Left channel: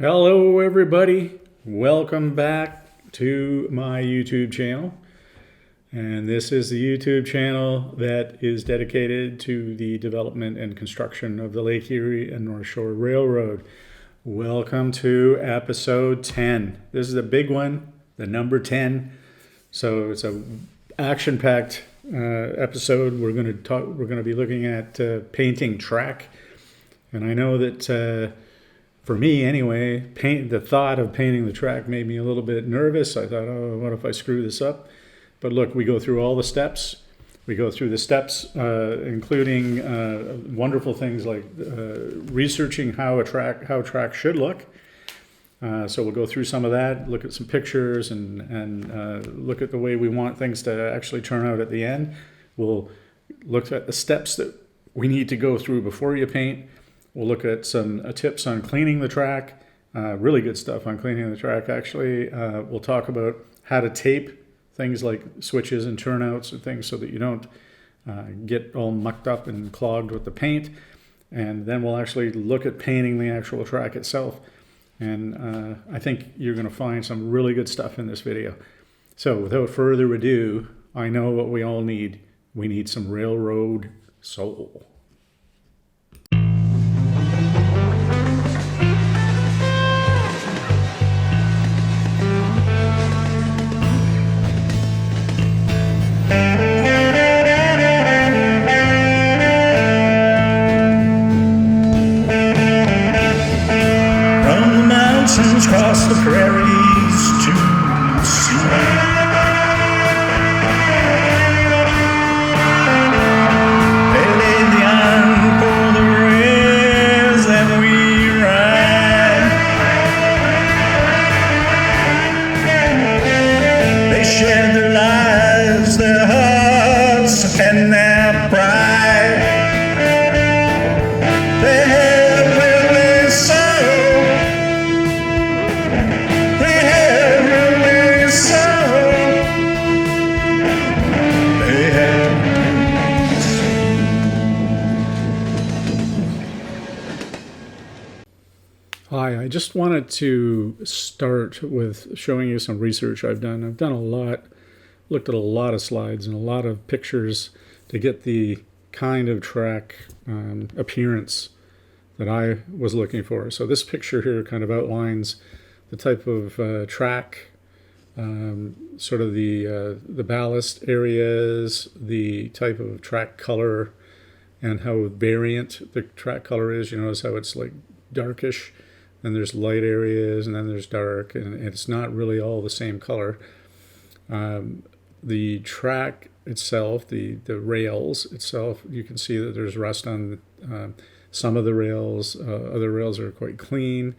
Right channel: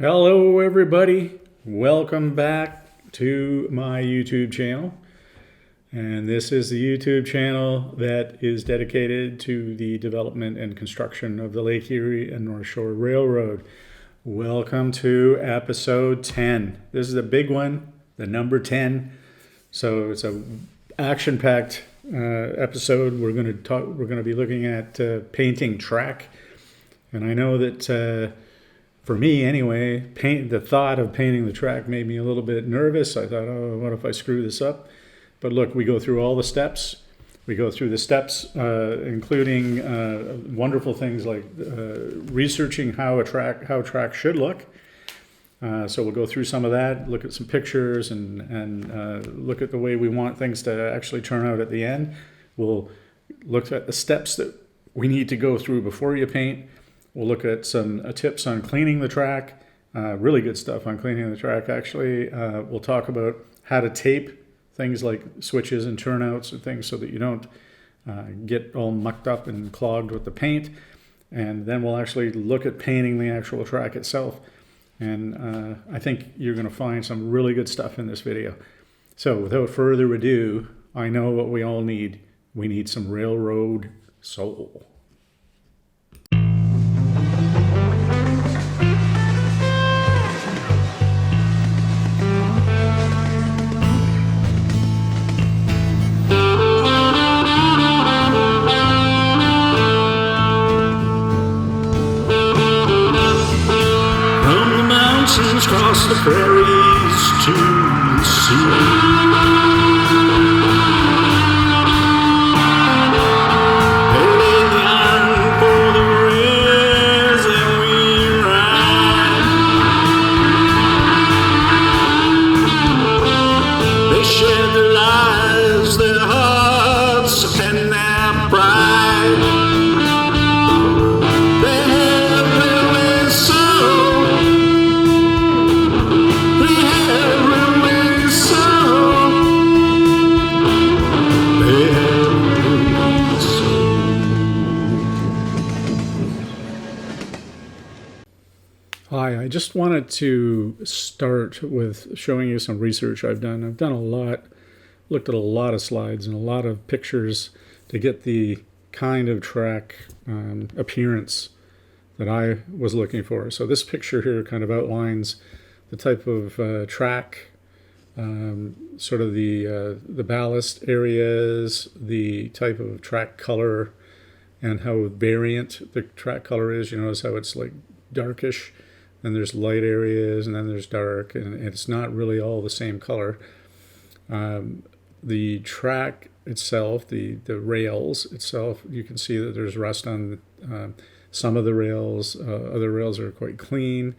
Hello everybody, welcome back to my YouTube channel. And this is the YouTube channel that is dedicated to the development and construction of the Lake Erie and North Shore Railroad. Welcome to episode 10. This is a big one, the number 10. So it's a action-packed episode. We're going to be looking at painting track. And I know that for me anyway, the thought of painting the track made me a little bit nervous. I thought, oh, what if I screw this up? But look, we go through all the steps. We go through the steps, including wonderful things like researching how track should look. So we'll go through some of that, look at some pictures, and look at the way we want things to actually turn out at the end. We'll look at the steps that we need to go through before you paint. We'll look at some tips on cleaning the track, really good stuff on cleaning the track actually. We'll talk about how to tape things like switches and turnouts and things so that you don't get all mucked up and clogged with the paint. And then we'll actually look at painting the actual track itself. And I think you're going to find some really good stuff in this video. So without further ado, I know what we all need. We need some railroad soul. Across the prairies to the sea, they laid the iron for the rails and we ride. They shared their lives, their hearts, and their pride. They had railway soul. Hi, I just wanted to start with showing you some research I've done. I've done a lot, looked at a lot of slides and a lot of pictures to get the kind of track appearance that I was looking for. So this picture here kind of outlines the type of track, sort of the ballast areas, the type of track color, and how variant the track color is. You notice how it's like darkish. Then there's light areas, and then there's dark, and it's not really all the same color. The track itself, the rails itself, you can see that there's rust on some of the rails. Other rails are quite clean.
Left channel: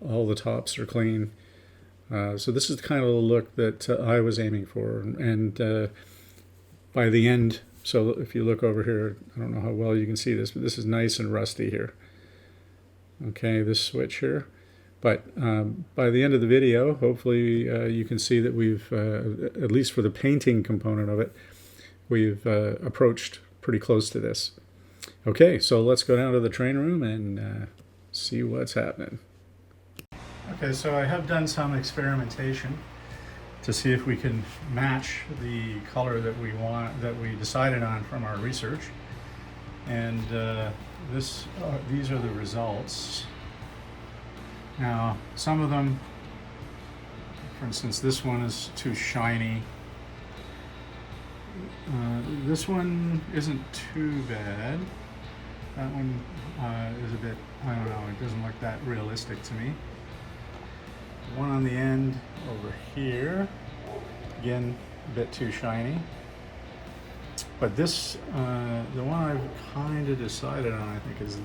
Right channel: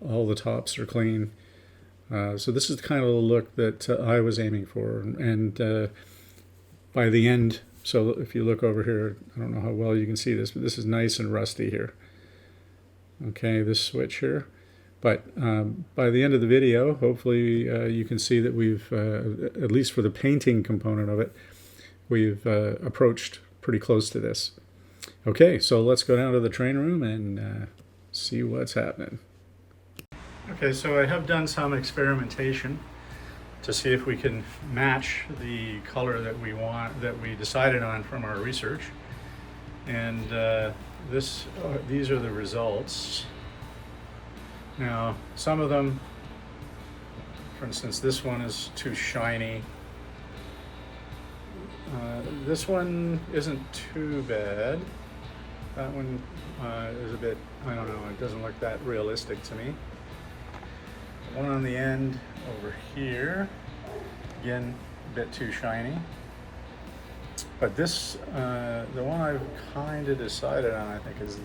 All the tops are clean. So this is kind of the look that I was aiming for. And by the end, so if you look over here, I don't know how well you can see this, but this is nice and rusty here. Okay, this switch here. But by the end of the video, hopefully you can see that we've, at least for the painting component of it, we've approached pretty close to this. Okay, so let's go down to the train room and see what's happening. Okay, so I have done some experimentation to see if we can match the color that we want, that we decided on from our research. And these are the results. Now, some of them, for instance, this one is too shiny. This one isn't too bad. That one is a bit, I don't know, it doesn't look that realistic to me. The one on the end over here, again, a bit too shiny. But this, the one I've kind of decided on, I think, is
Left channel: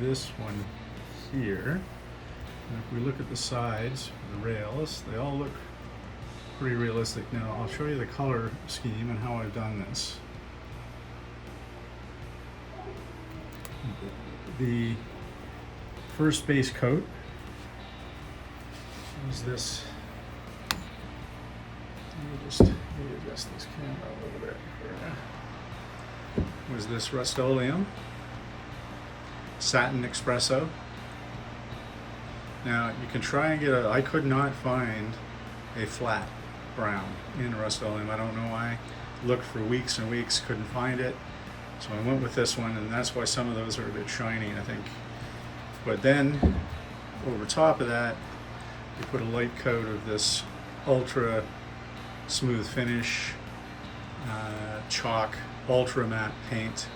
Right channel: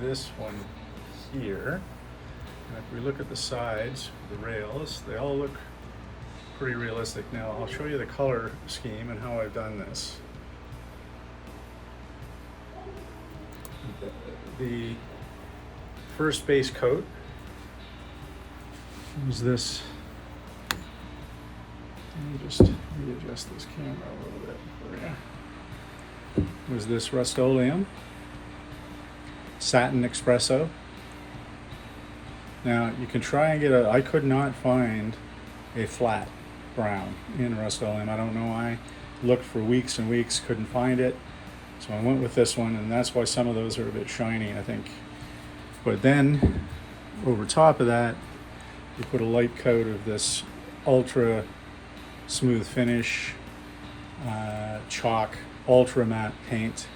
this one here. And if we look at the sides, the rails, they all look pretty realistic. Now, I'll show you the color scheme and how I've done this. The first base coat is this. Let me just readjust this camera a little bit for you. Was this Rust-Oleum, Satin Espresso. Now you can try and get I could not find a flat brown in Rust-Oleum. I don't know why. Looked for weeks and weeks, couldn't find it. So I went with this one, and that's why some of those are a bit shiny, I think. But then, over top of that, you put a light coat of this ultra smooth finish chalk ultra matte paint,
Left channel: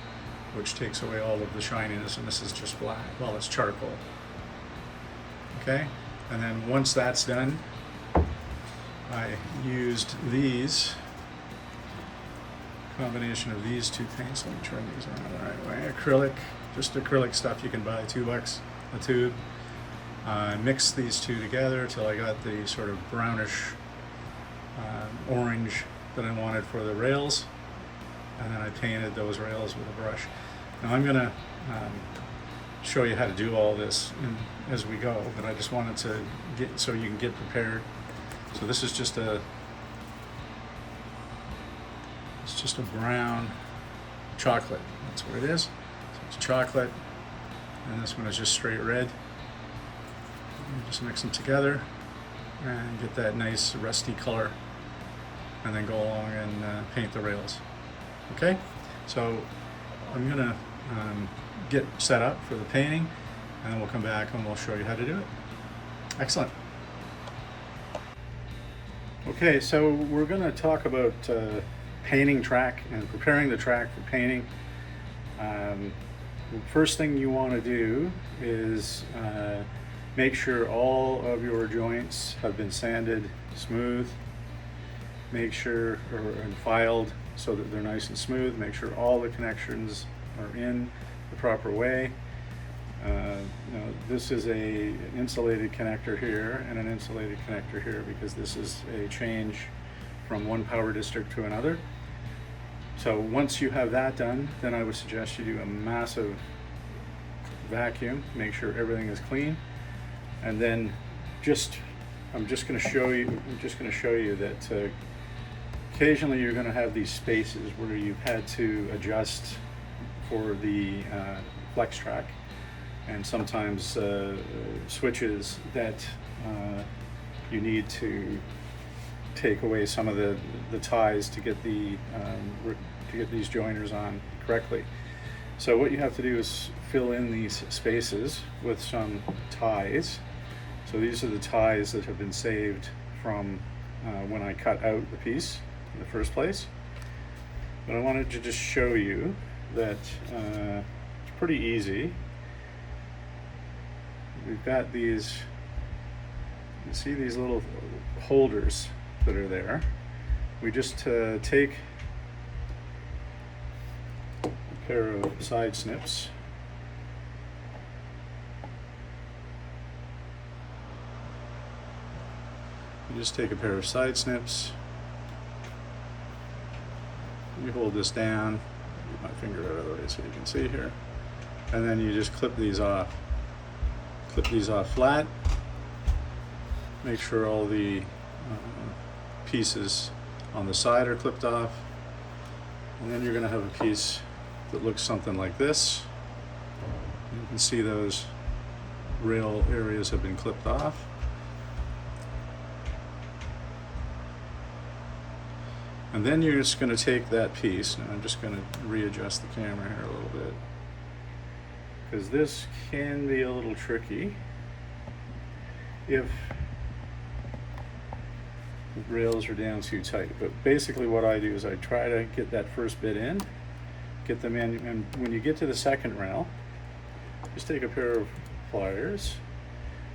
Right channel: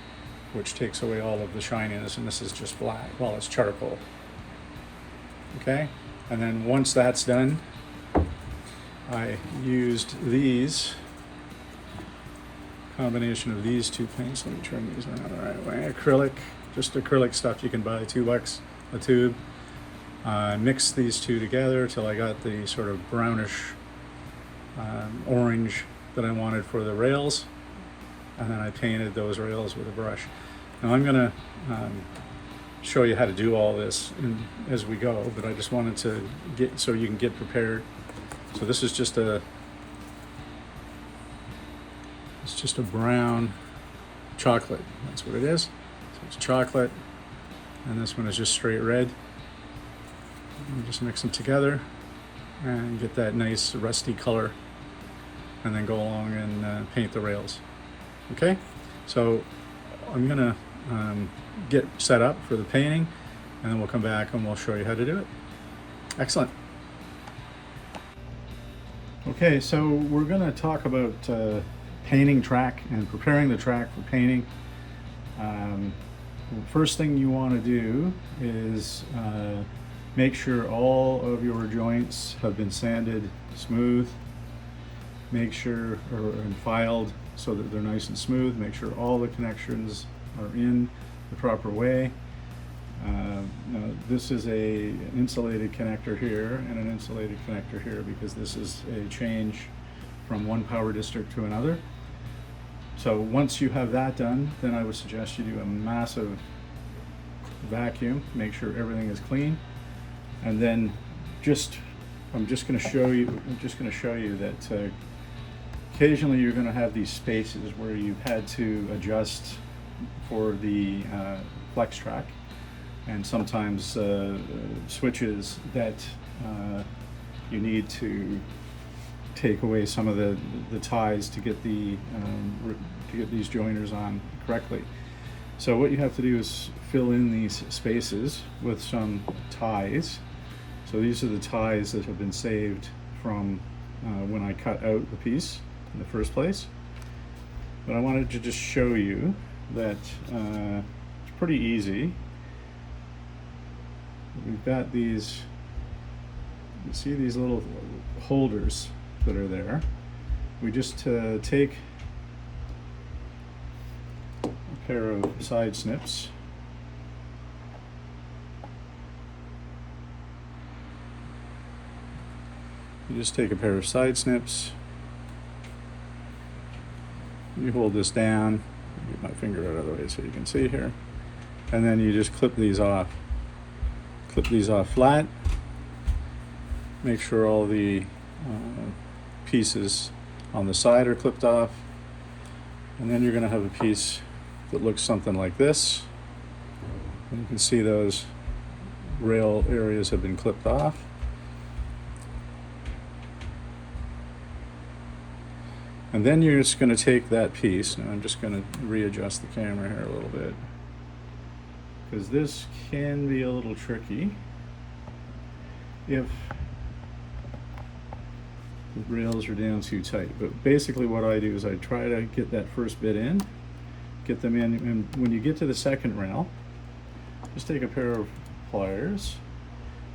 which takes away all of the shininess, and this is just black. Well, it's charcoal. Okay, and then once that's done, I used these combination of these two paints. Let me turn these around the right way. Acrylic, just acrylic stuff you can buy, $2 a tube. Mixed these two together till I got the sort of brownish orange that I wanted for the rails, and then I painted those rails with a brush. Now I'm gonna show you how to do all this as we go, but I just wanted to get so you can get prepared. So this is just a brown chocolate. That's what it is. So it's chocolate, and this one is just straight red. And just mix them together and get that nice rusty color, and then go along and paint the rails. Okay, so I'm gonna get set up for the painting, and then we'll come back and we'll show you how to do it. Excellent. Okay, so we're gonna talk about painting track and preparing the track for painting. First thing you want to do is make sure all of your joints have been sanded smooth. Make sure and filed so that they're nice and smooth. Make sure all the connections are in the proper way. This is an insulated connector here and an insulated connector here because this is a change from one power district to another. So once you have that done, then I would suggest you do a massive vacuum, make sure everything is clean, and then I'm just going to show you that occasionally you're going to have these spaces where you've had to adjust for the flex track, and sometimes switches that you need to take away some of the ties to get these joiners on correctly. So what you have to do is fill in these spaces with some ties. So these are the ties that have been saved from when I cut out the piece in the first place. But I wanted to just show you that it's pretty easy. We've got these, you see these little holders that are there. We just take a pair of side snips, you hold this down, get my finger out of it so you can see here, and then you just clip these off flat. Make sure all the pieces on the side are clipped off, and then you're going to have a piece that looks something like this. You can see those rail areas have been clipped off. And then you're just going to take that piece, and I'm just going to readjust the camera here a little bit, because this can be a little tricky if the rails are down too tight. But basically what I do is I try to get that first bit in, get them in, and when you get to the second rail, just take a pair of pliers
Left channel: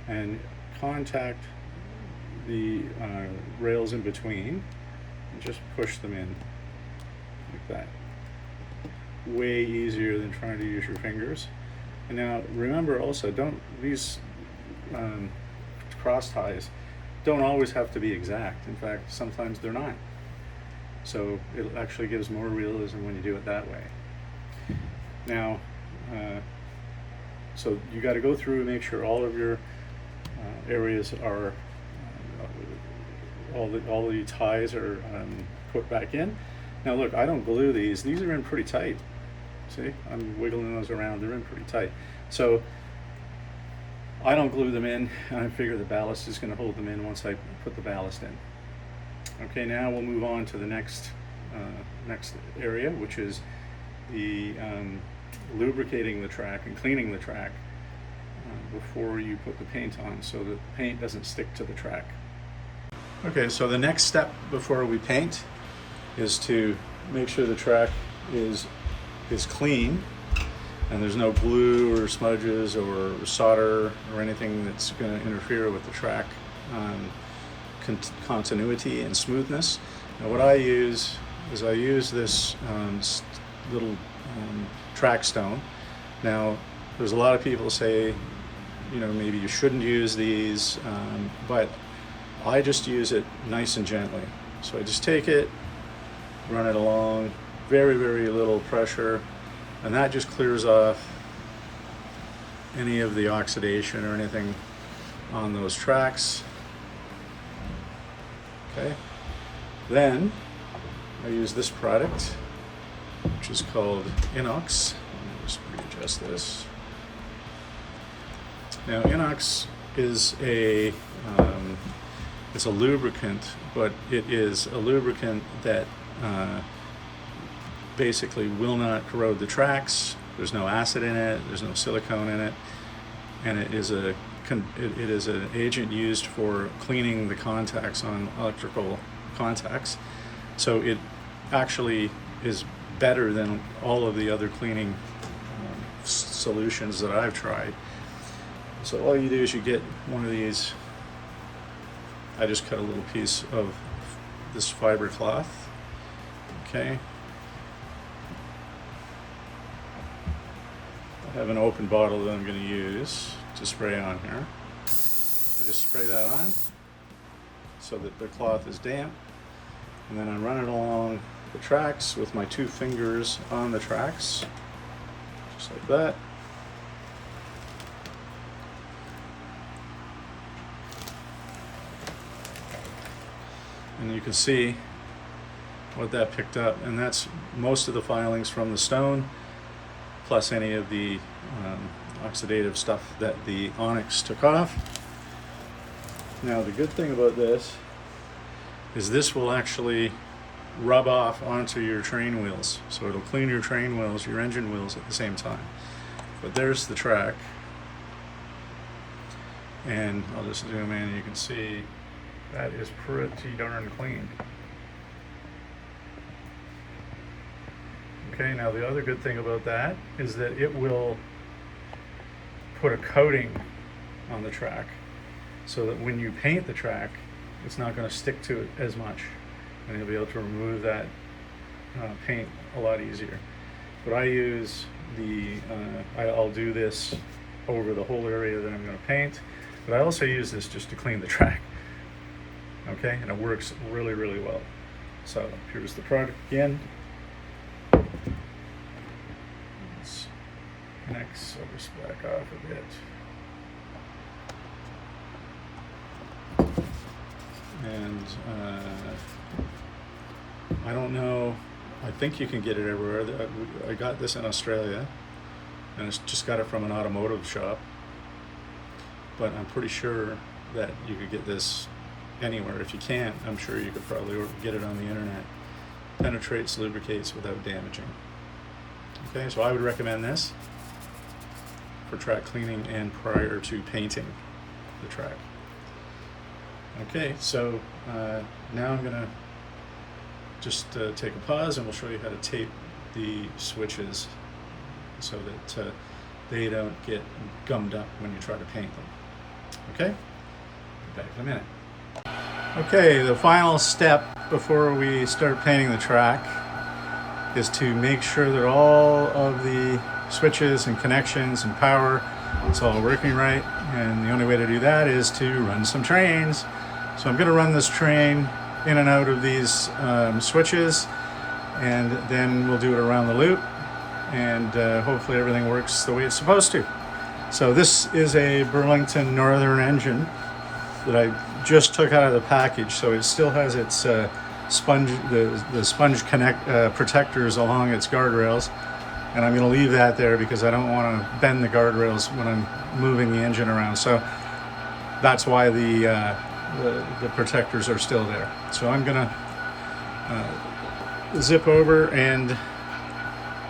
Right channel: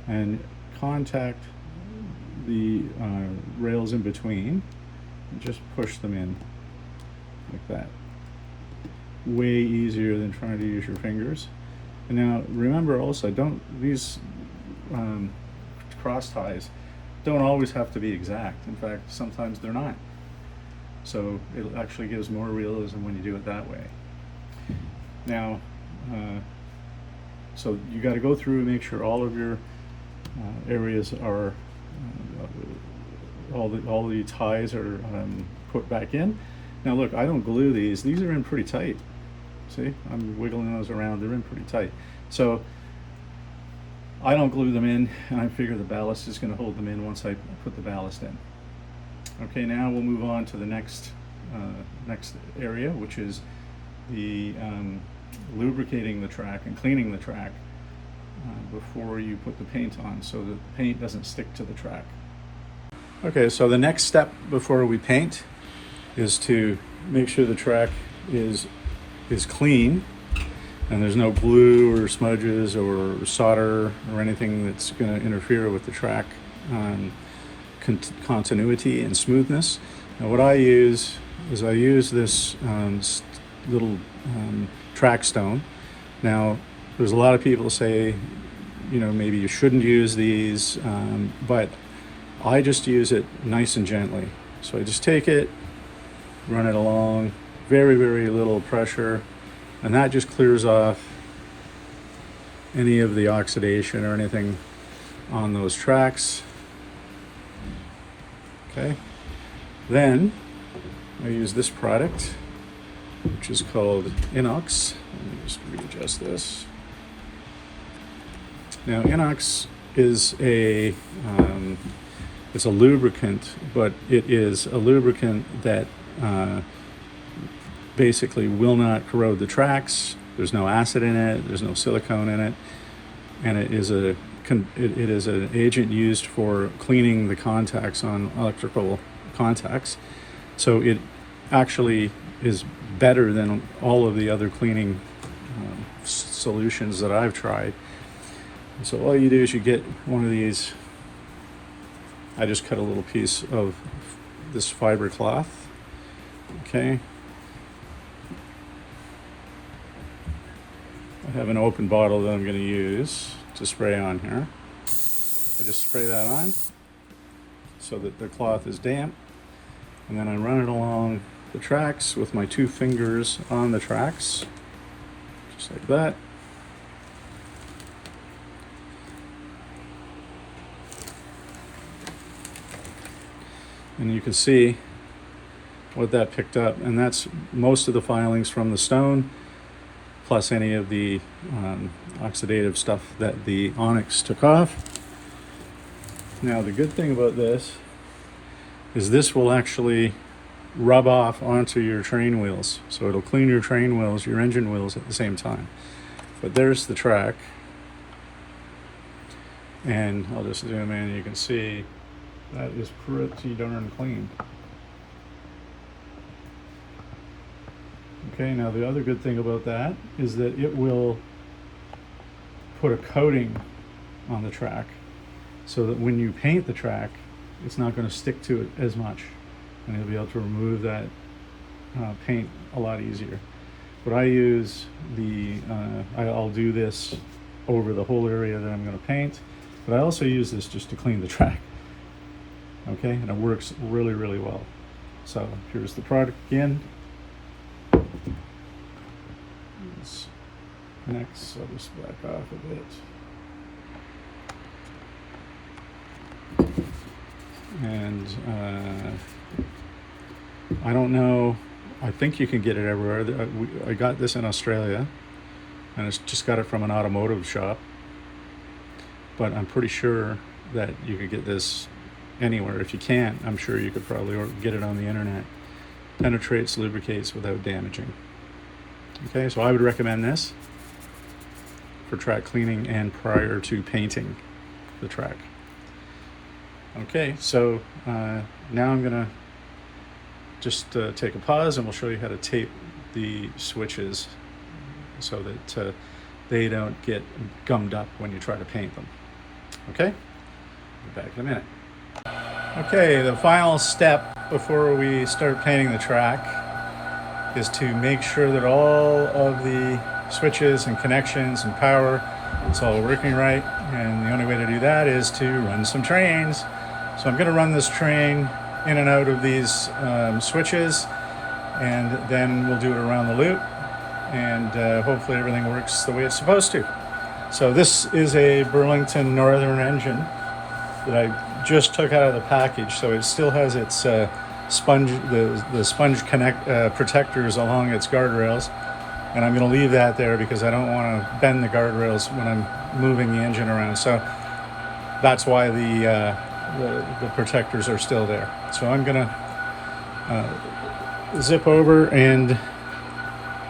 and contact the rails in between and just push them in like that. Way easier than trying to use your fingers. And now remember also, these cross ties don't always have to be exact. In fact, sometimes they're not. So it actually gives more realism when you do it that way. Now, so you got to go through and make sure all of your areas are, all the ties are put back in. Now look, I don't glue these. These are in pretty tight. See, I'm wiggling those around. They're in pretty tight. So I don't glue them in, and I figure the ballast is going to hold them in once I put the ballast in. Okay, now we'll move on to the next area, which is the lubricating the track and cleaning the track before you put the paint on, so that the paint doesn't stick to the track. Okay, so the next step before we paint is to make sure the track is clean and there's no glue or smudges or solder or anything that's going to interfere with the track continuity and smoothness. Now what I use is this little track stone. Now there's a lot of people say, you know, maybe you shouldn't use these, but I just use it nice and gently. So I just take it, run it along, very, very little pressure, and that just clears off any of the oxidation or anything on those tracks. Okay. Then I use this product, which is called LE&NS. Let me just readjust this. Now, LE&NS is it's a lubricant, but it is a lubricant that basically will not corrode the tracks. There's no acid in it. There's no silicone in it, and it is an agent used for cleaning the contacts on electrical contacts. So it actually is better than all of the other cleaning solutions that I've tried. So all you do is you get one of these. I just cut a little piece of this fiber cloth. Okay. I have an open bottle that I'm going to use to spray on here. I just spray that on so that the cloth is damp, and then I run it along the tracks with my 2 fingers on the tracks, just like that. And you can see what that picked up, and that's most of the filings from the stone, plus any of the oxidative stuff that the onyx took off. Now the good thing about this is this will actually rub off onto your train wheels, so it'll clean your train wheels, your engine wheels at the same time. But there's the track, and I'll just zoom in. You can see that is pretty darn clean. Okay, now the other good thing about that is that it will put a coating on the track, so that when you paint the track, it's not going to stick to it as much, and you'll be able to remove that paint a lot easier. But I use I'll do this over the whole area that I'm going to paint, but I also use this just to clean the track. Okay, and it works really, really well. So here's the product again. Next, I'll just back off a bit. And I don't know, I think you can get it everywhere. I got this in Australia, and I just got it from an automotive shop, but I'm pretty sure that you could get this anywhere. If you can't, I'm sure you could probably get it on the internet. Penetrates, lubricates without damaging. Okay, so I would recommend this for track cleaning and prior to painting the track. Okay, so now I'm gonna just take a pause, and we'll show you how to tape the switches so that they don't get gummed up when you try to paint them. Okay, be back in a minute. Okay, the final step before we start painting the track is to make sure that all of the switches and connections and power, it's all working right. And the only way to do that is to run some trains. So I'm going to run this train in and out of these switches, and then we'll do it around the loop, and hopefully everything works the way it's supposed to. So this is a Burlington Northern engine that I just took out of the package, so it still has its the sponge protectors along its guardrails, And I'm going to leave that there because I don't want to bend the guardrails when I'm moving the engine around. So that's why the protectors are still there. So I'm going to zip over and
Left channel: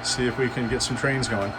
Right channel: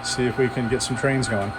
see if we can get some trains going.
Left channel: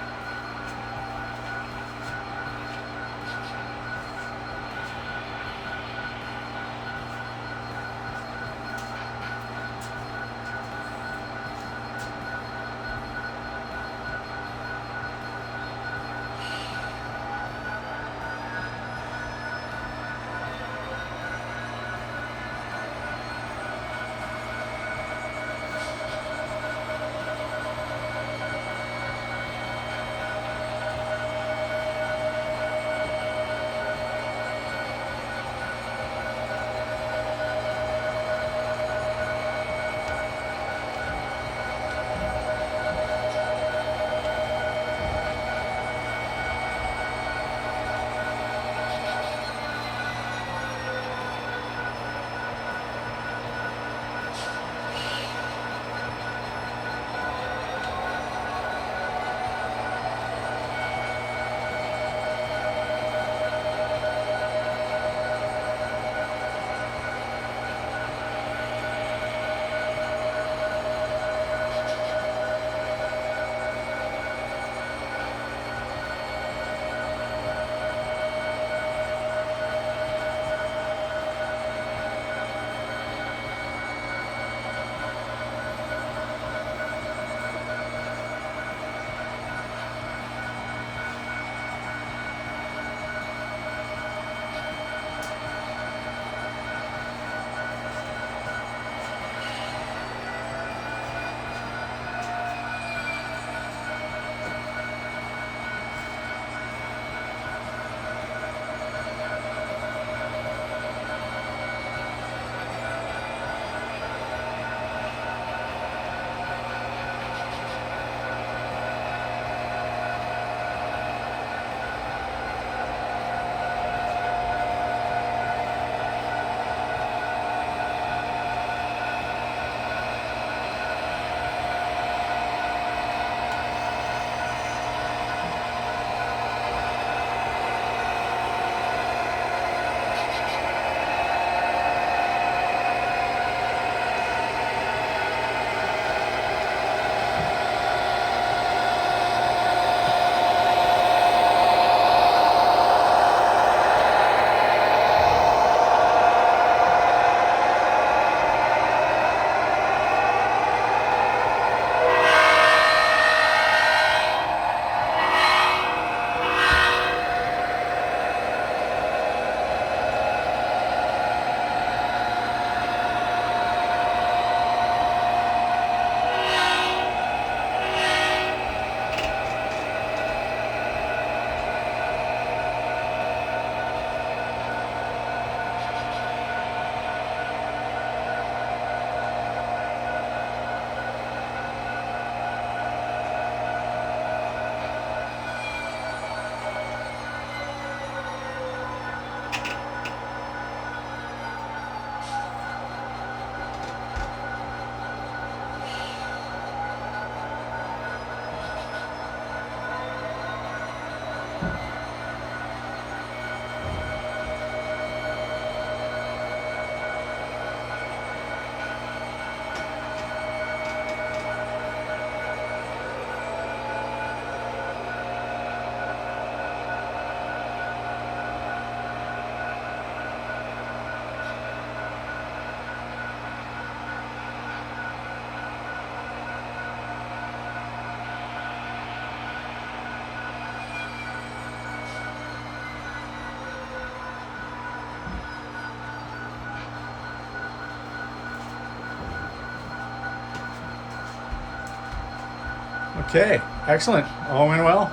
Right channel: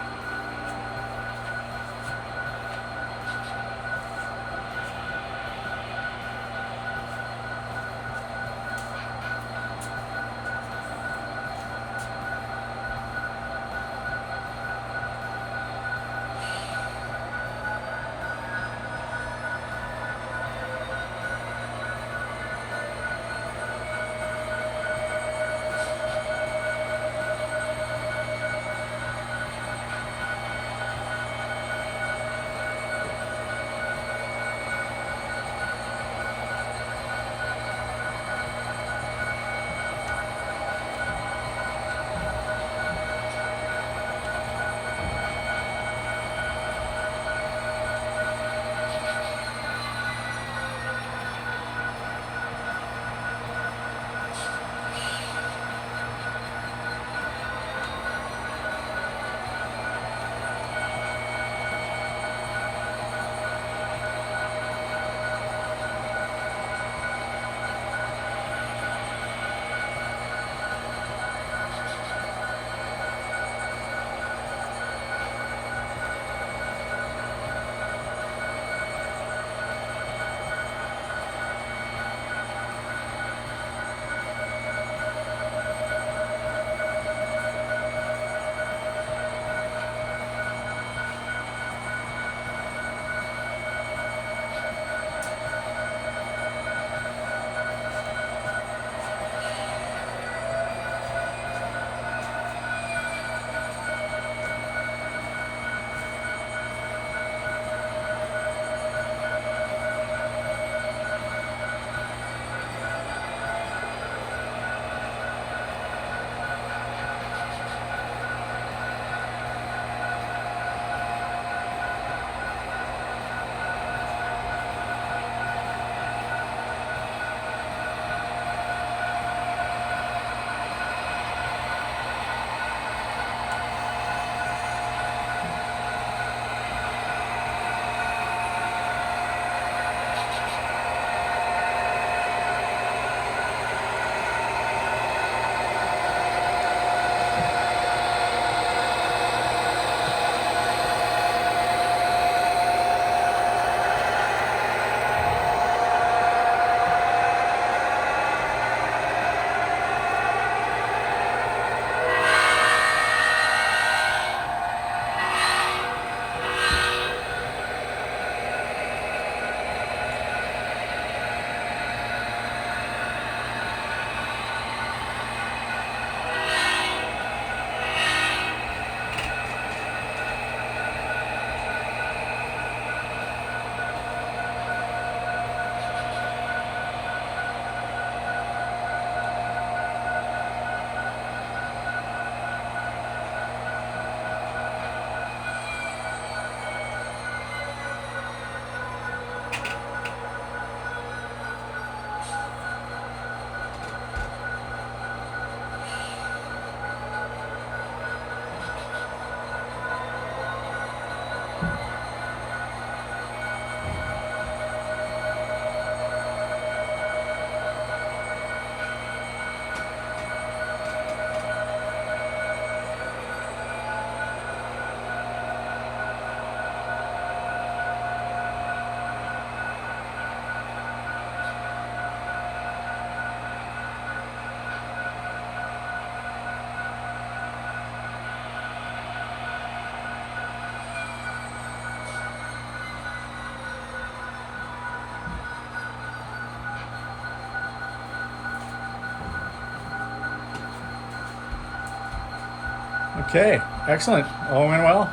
Okay, excellent. All went well.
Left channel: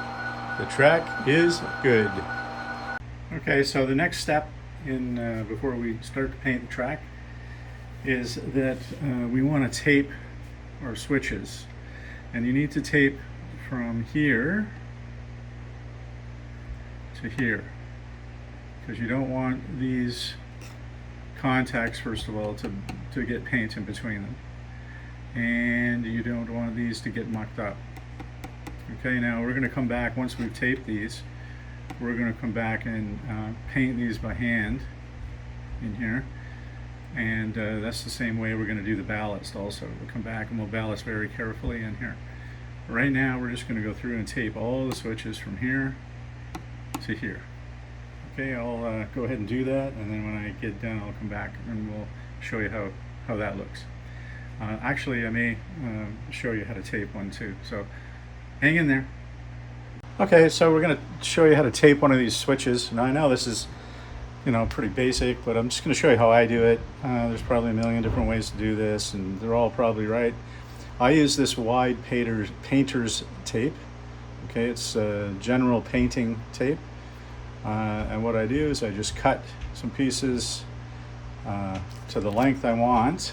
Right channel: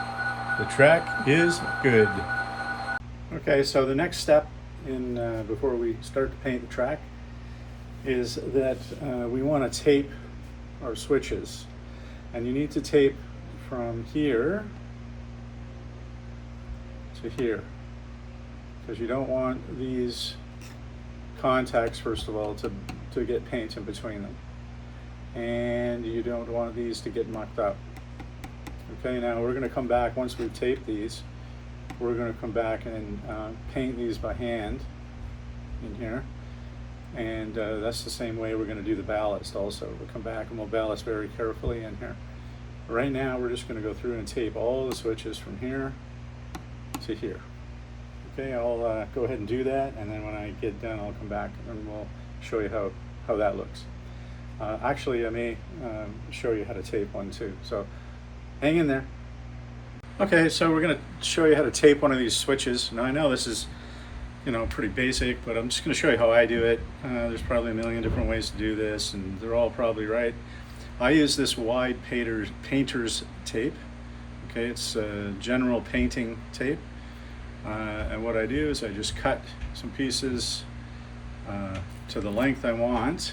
The track is good. Okay, so the next step in before we start to paint the track is that we want to tape our switches, and you need to tape from here to here because you don't want these contacts, first of all, to get paint in between them, and you don't want these to get mucked up. Okay, now we're going to come back once we've taped these. We're going to come back and paint these by hand in here, and that's the same way we're going to do the ballast also. We'll come back and we'll ballast very carefully in here. Right now we're just going to go through and tape all the switches from here to here. Okay, I'll go ahead and do that, and then when I get done I'll come back and we'll show you how that looks. Actually, I may show you how to tape one too, so hang in there. Okay, so we're going to show you how to tape one of these switches. Now I know this is, you know, pretty basic, but I'm just going to show you how I do it. There's probably a million different ways to do this, and they're all probably right. I use this wide painter's tape. Okay, it's general painting tape. And what I do is I just cut some pieces to the length I want.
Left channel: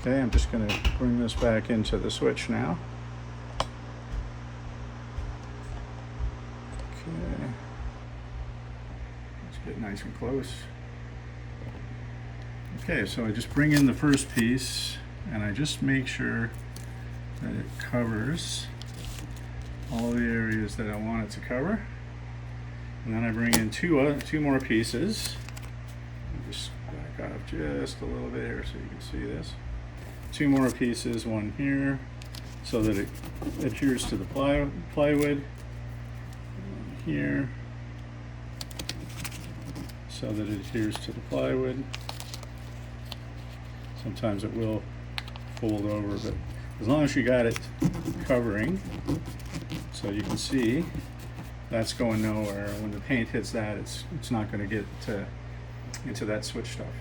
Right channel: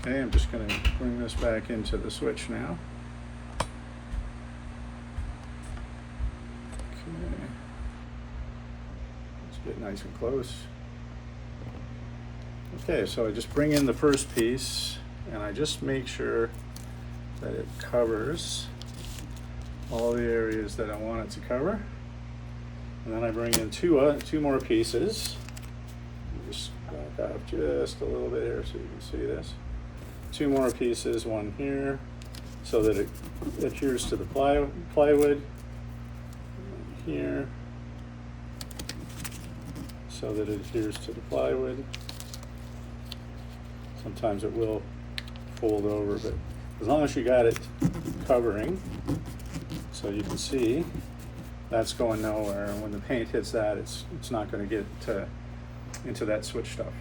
Okay, I'm just going to bring this back into the switch now. Okay. Let's get nice and close. Okay, so I just bring in the first piece and I just make sure that it covers all the areas that I want it to cover. And then I bring in two more pieces. Just back off just a little bit here so you can see this. Two more pieces, one here, so that it adheres to the plywood. Here, so that it adheres to the plywood. Sometimes it will fold over, but as long as you got it covering, so you can see, that's going nowhere. When the paint hits that, it's not going to get into that switch stuff.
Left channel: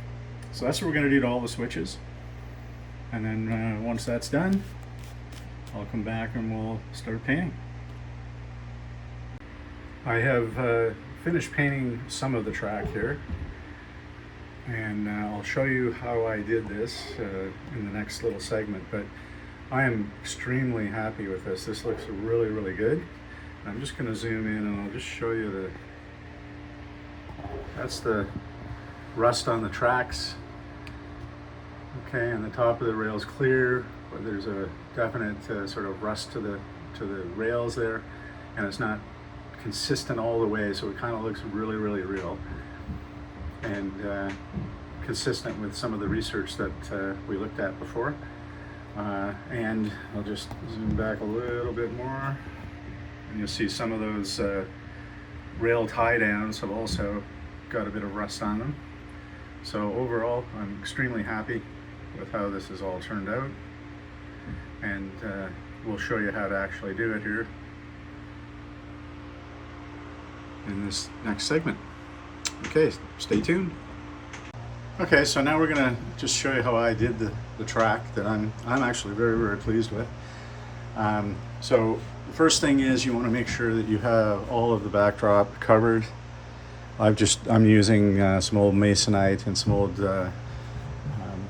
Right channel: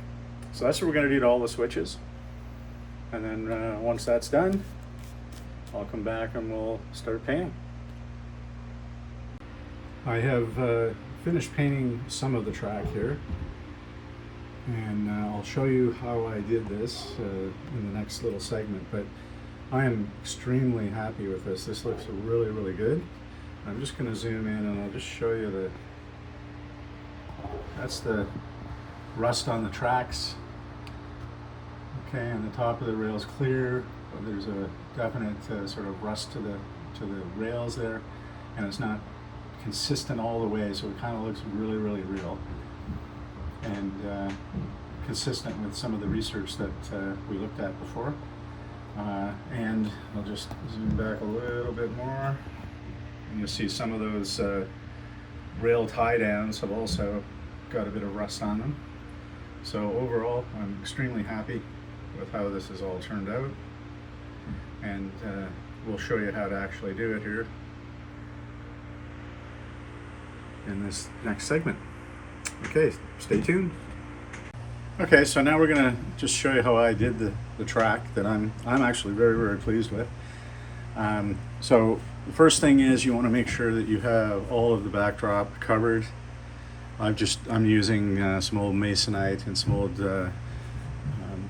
So that's what we're going to do to all the switches. And then once that's done, I'll come back and we'll start painting. I have finished painting some of the track here, and I'll show you how I did this in the next little segment, but I am extremely happy with this. This looks really, really good. I'm just going to zoom in and I'll just show you that's the rust on the tracks. Okay, and the top of the rail is clear, but there's a definite sort of rust to the rails there, and it's not consistent all the way, so it kind of looks really, really real and consistent with some of the research that we looked at before. And I'll just zoom back a little bit more, and you'll see some of those rail tie downs have also got a bit of rust on them. So overall, I'm extremely happy with how this has all turned out, and we'll show you how to actually do it here in this next segment. Okay, stay tuned. Okay, so now we're gonna just show you how I did the track that I'm actually very, very pleased with. So the first thing is you want to make sure that you have all of the backdrop covered. I'm using some old masonite and some old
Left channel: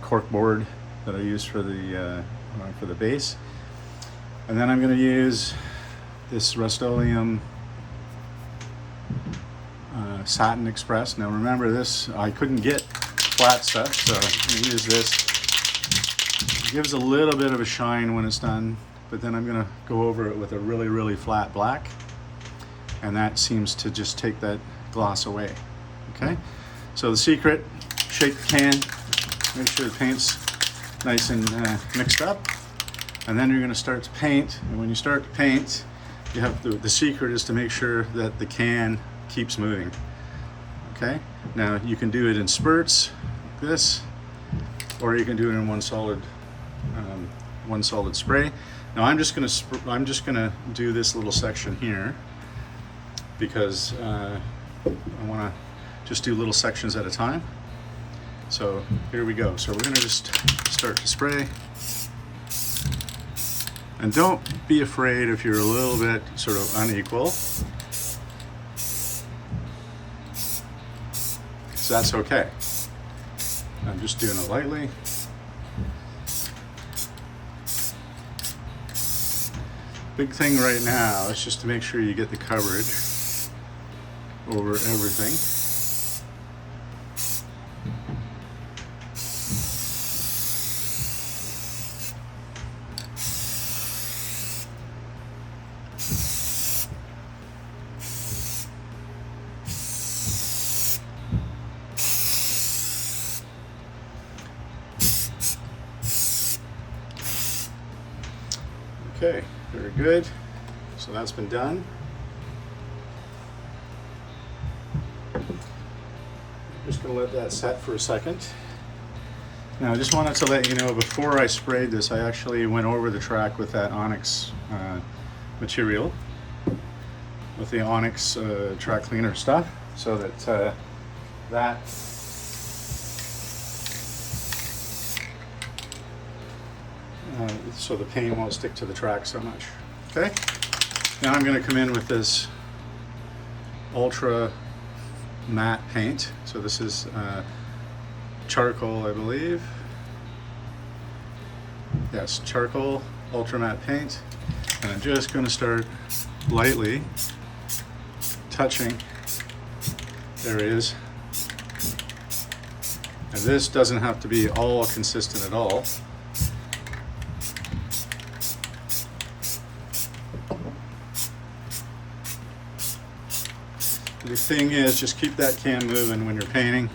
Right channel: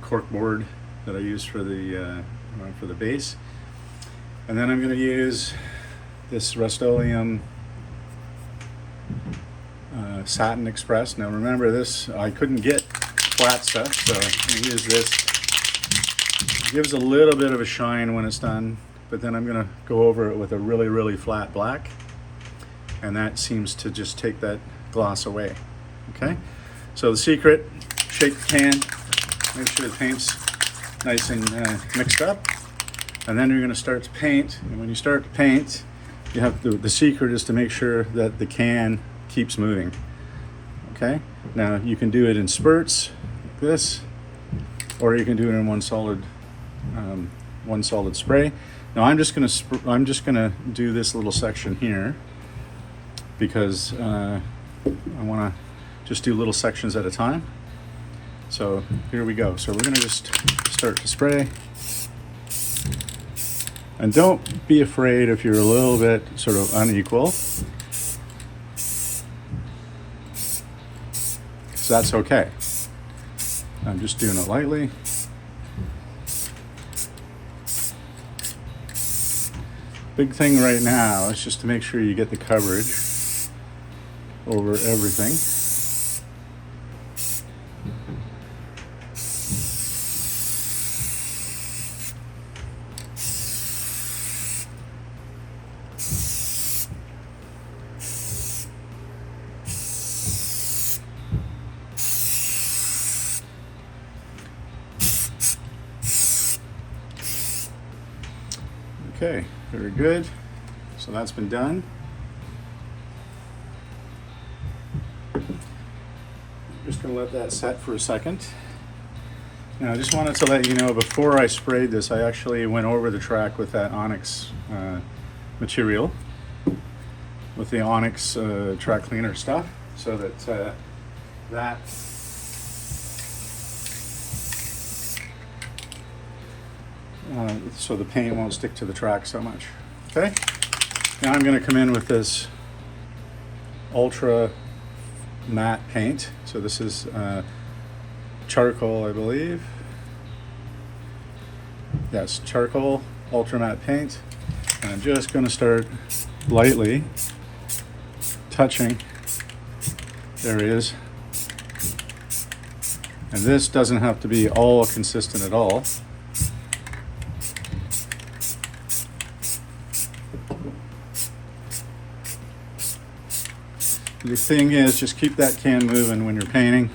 cork board that I use for the base, and then I'm going to use this Rust-Oleum Satin Express. Now remember this, I couldn't get flat stuff, so I'm going to use this. It gives a little bit of a shine when it's done, but then I'm going to go over it with a really, really flat black, and that seems to just take that gloss away. Okay, so the secret: shake the pan, make sure the paint's nice and mixed up, and then you're going to start to paint. And when you start to paint, you have the secret is to make sure that the can keeps moving. Okay, now you can do it in spurts like this, or you can do it in one solid spray. Now I'm just gonna do this little section here because I want to just do little sections at a time. So here we go. So we're gonna just start to spray, and don't be afraid if you're a little bit sort of unequal. That's okay. I'm just doing it lightly. Big thing right now is just to make sure you get the coverage over everything. Okay, very good. So that's been done. Just going to let that set for a second. Now I just wanted to let you know, before I sprayed this, I actually went over the track with that onyx material, with the onyx track cleaner stuff, so that so the paint won't stick to the track so much. Okay, now I'm going to come in with this ultra matte paint. So this is charcoal, I believe. Yes, charcoal ultra matte paint, and I'm just going to start lightly touching areas. And this doesn't have to be all consistent at all. The thing is, just keep that can moving when you're painting.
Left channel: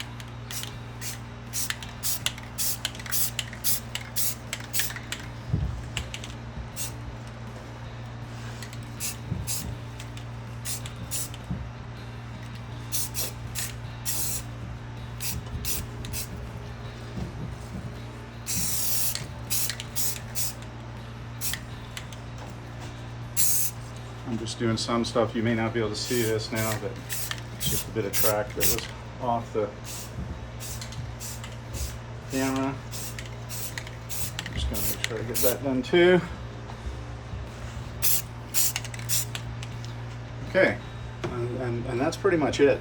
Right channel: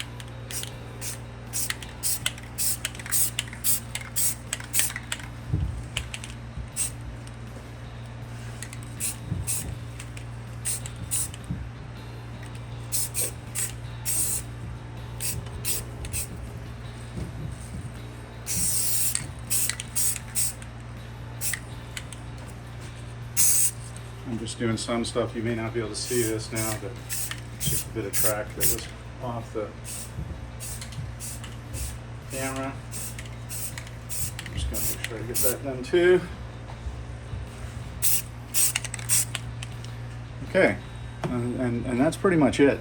I'm just doing some stuff. You may not be able to see this now, but it's just a bit of track that was off the camera. I'm just going to make sure I get that done too. Okay, and that's pretty much it.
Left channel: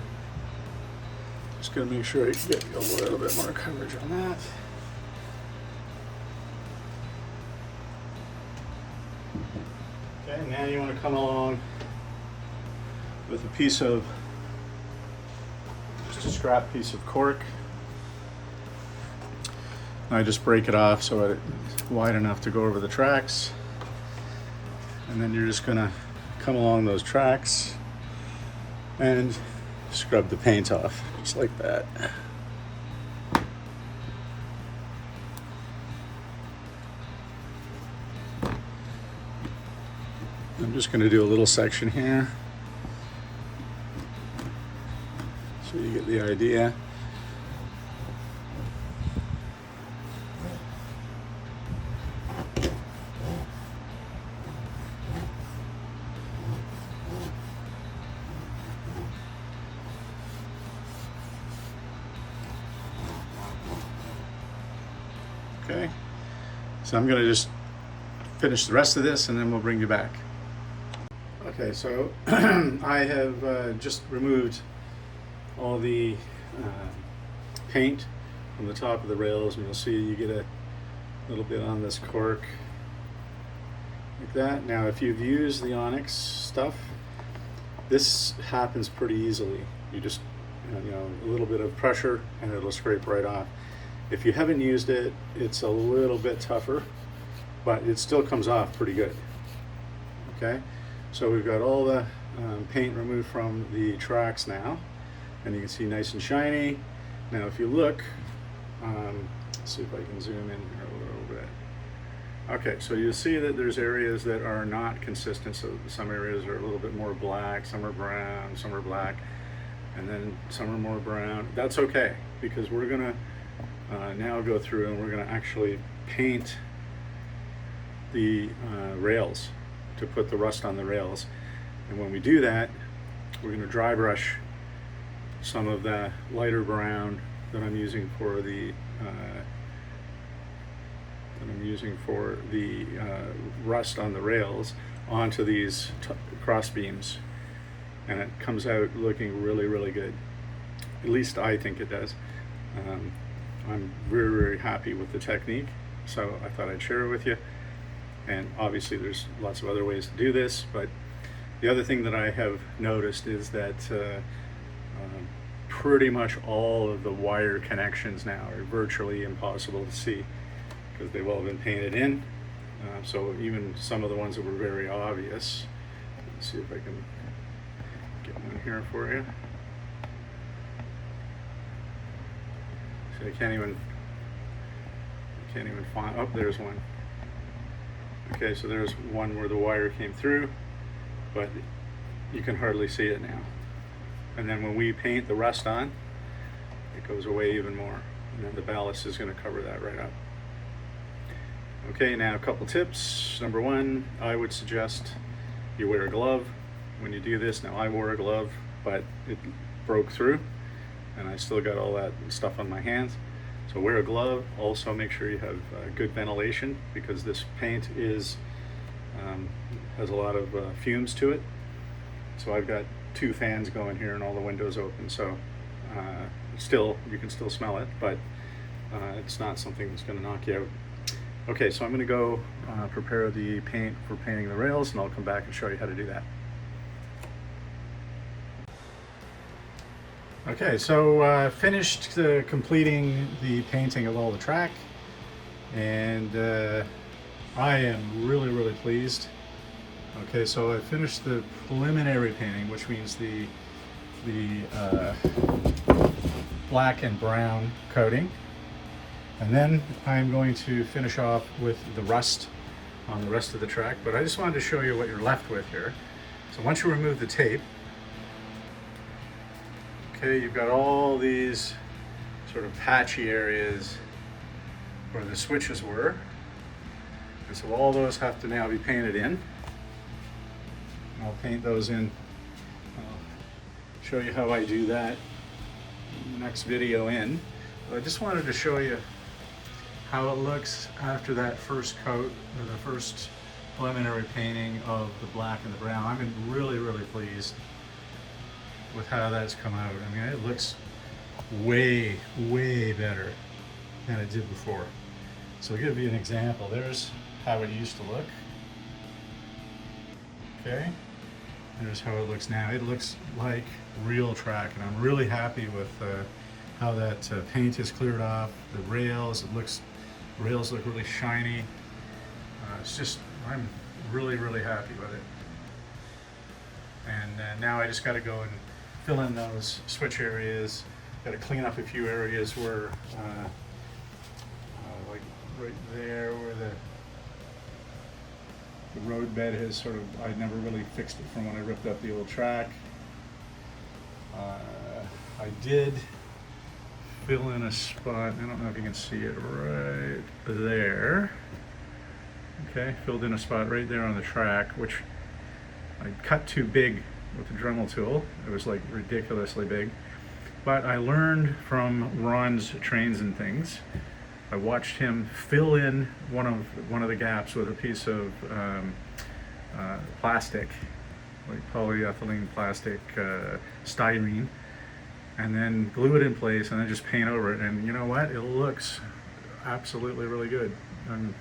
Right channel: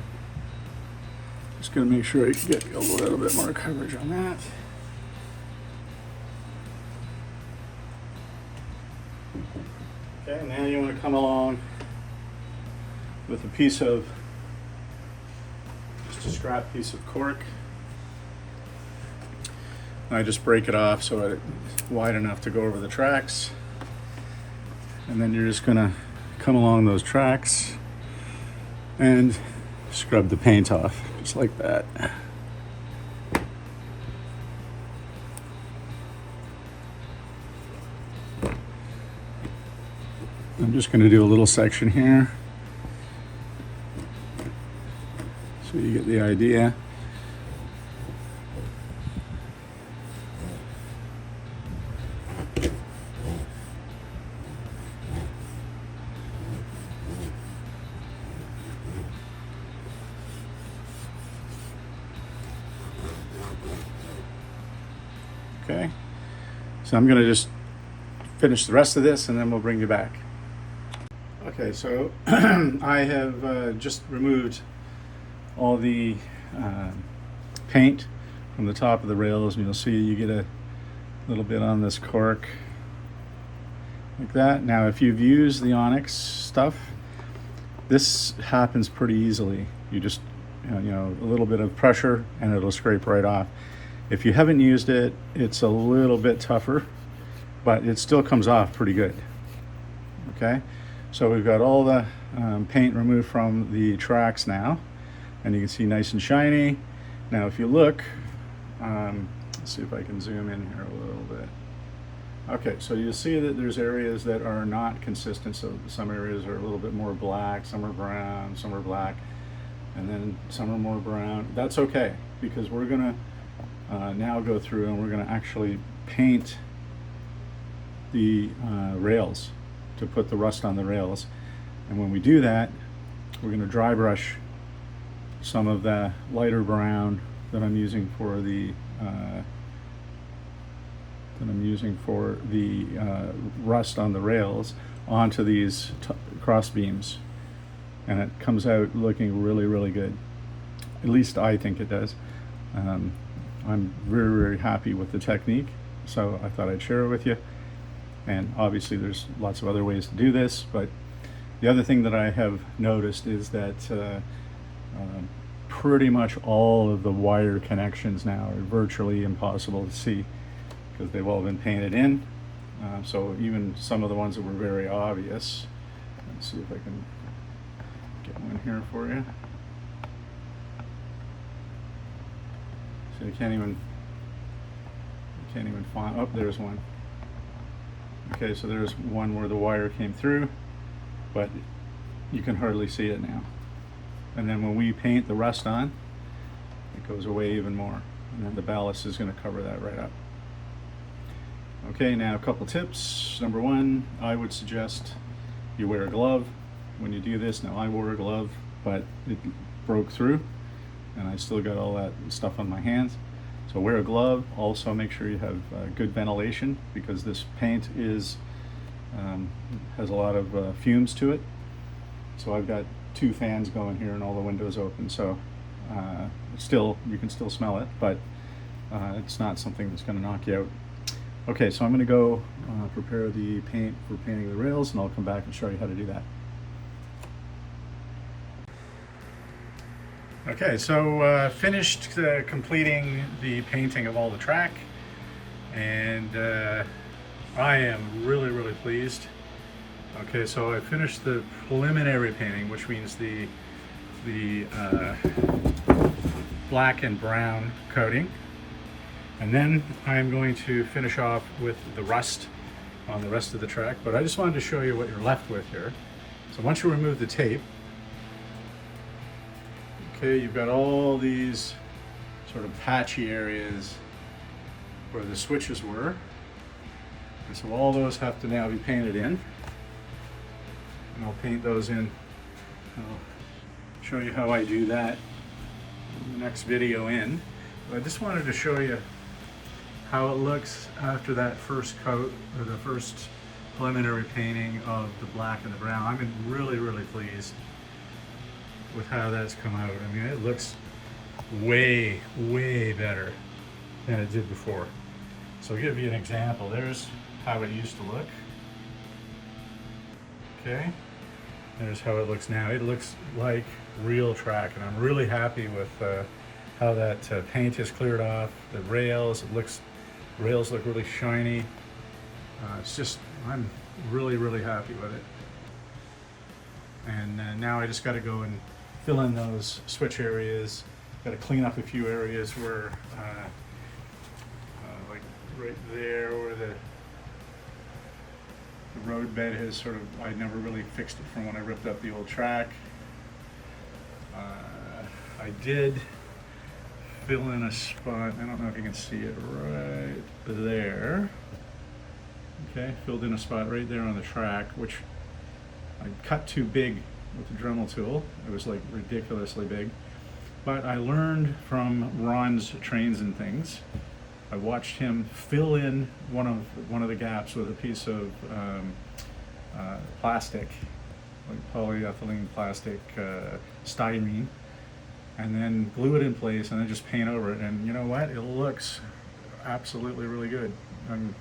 Just going to make sure I get a little bit more coverage on that. Okay, now you want to come along with a piece of, just a scrap piece of cork. And I just break it off so it's wide enough to go over the tracks. And then you're just going to come along those tracks and scrub the paint off, just like that. I'm just going to do a little section here so you get the idea. Okay, so I'm going to just finish the rest of this and then we'll bring you back. Okay, so I have just removed all the paint from the top of the rails, and you'll see you get a little bit on this cork like that. Now if you've used the onyx stuff, this happens pretty easily. You just, you know, a little bit of pressure and it'll scrape right off. If you haven't used it, it's a little bit tougher, but it still comes off pretty good. Okay, so we've got all the paint removed from the tracks now, and you can see nice and shiny. Now if you look, let's see if I can zoom in here a little bit. Okay, so you'll see that there's areas that are not consistent. So some areas are a little bit more black, some are brown, some are black, and then some are more brown. That's okay, because we're gonna now go through and we're gonna actually paint the rails to put the rust on the rails. And when we do that, we're gonna dry brush some of the lighter brown that I'm using for the rust on the rails onto these cross beams, and it comes out looking really, really good. At least I think it does. I'm very, very happy with the technique, so I thought I'd share it with you. And obviously there's lots of other ways to do this, but the other thing that I have noticed is that pretty much all of the wire connections now are virtually impossible to see because they've all been painted in. So even some of the ones that were very obvious, let's see if I can get one here for you. So you can't even find, oh, there's one. Okay, so there's one where the wire came through, but you can hardly see it now. And then when we paint the rust on, it goes away even more. And then the ballast is going to cover that right up. Okay, now a couple tips. Number one, I would suggest you wear a glove when you do this. Now I wore a glove, but it broke through and I still got all that stuff on my hands. So wear a glove. Also make sure you have good ventilation, because this paint has a lot of fumes to it. So I've got 2 fans going here and all the windows open, so still, you can still smell it, but it's not something that's going to knock you out. Okay, so I'm going to go prepare the paint for painting the rails, and I'll come back and show you how to do that. Okay, so finished completing the painting of all the track, and I am really pleased. Okay, so I finished the preliminary painting, which means the black and brown coating, and then I'm going to finish off with the rust on the rest of the track. But I just wanted to show you what you're left with here. So once you remove the tape, okay, you've got all these sort of patchy areas where the switches were. Okay, so all those have to now be painted in. And I'll paint those in. I'll show you how I do that in the next video in. But I just wanted to show you how it looks after that first coat, or the first preliminary painting of the black and the brown. I've been really pleased with how that's come out. I mean, it looks way better than it did before. So I'll give you an example. There's how it used to look. Okay, there's how it looks now. It looks like real track, and I'm really happy with how that paint is cleared off. The rails, rails look really shiny. It's just, I'm really happy with it. And now I just got to go and fill in those switch areas. Got to clean up a few areas where, like right there, where the road bed has sort of, I never really fixed it from when I ripped up the old track. I did fill in a spot, I don't know if you can see it right there. Okay, filled in a spot right there on the track, which I cut too big with the Dremel tool. It was like ridiculously big. But I learned from Ron's Trains and Things. I watched him fill in one of the gaps with a piece of plastic, like polyethylene plastic, styrene, and then glue it in place and then just paint over it. And you know what? It looks absolutely really good. And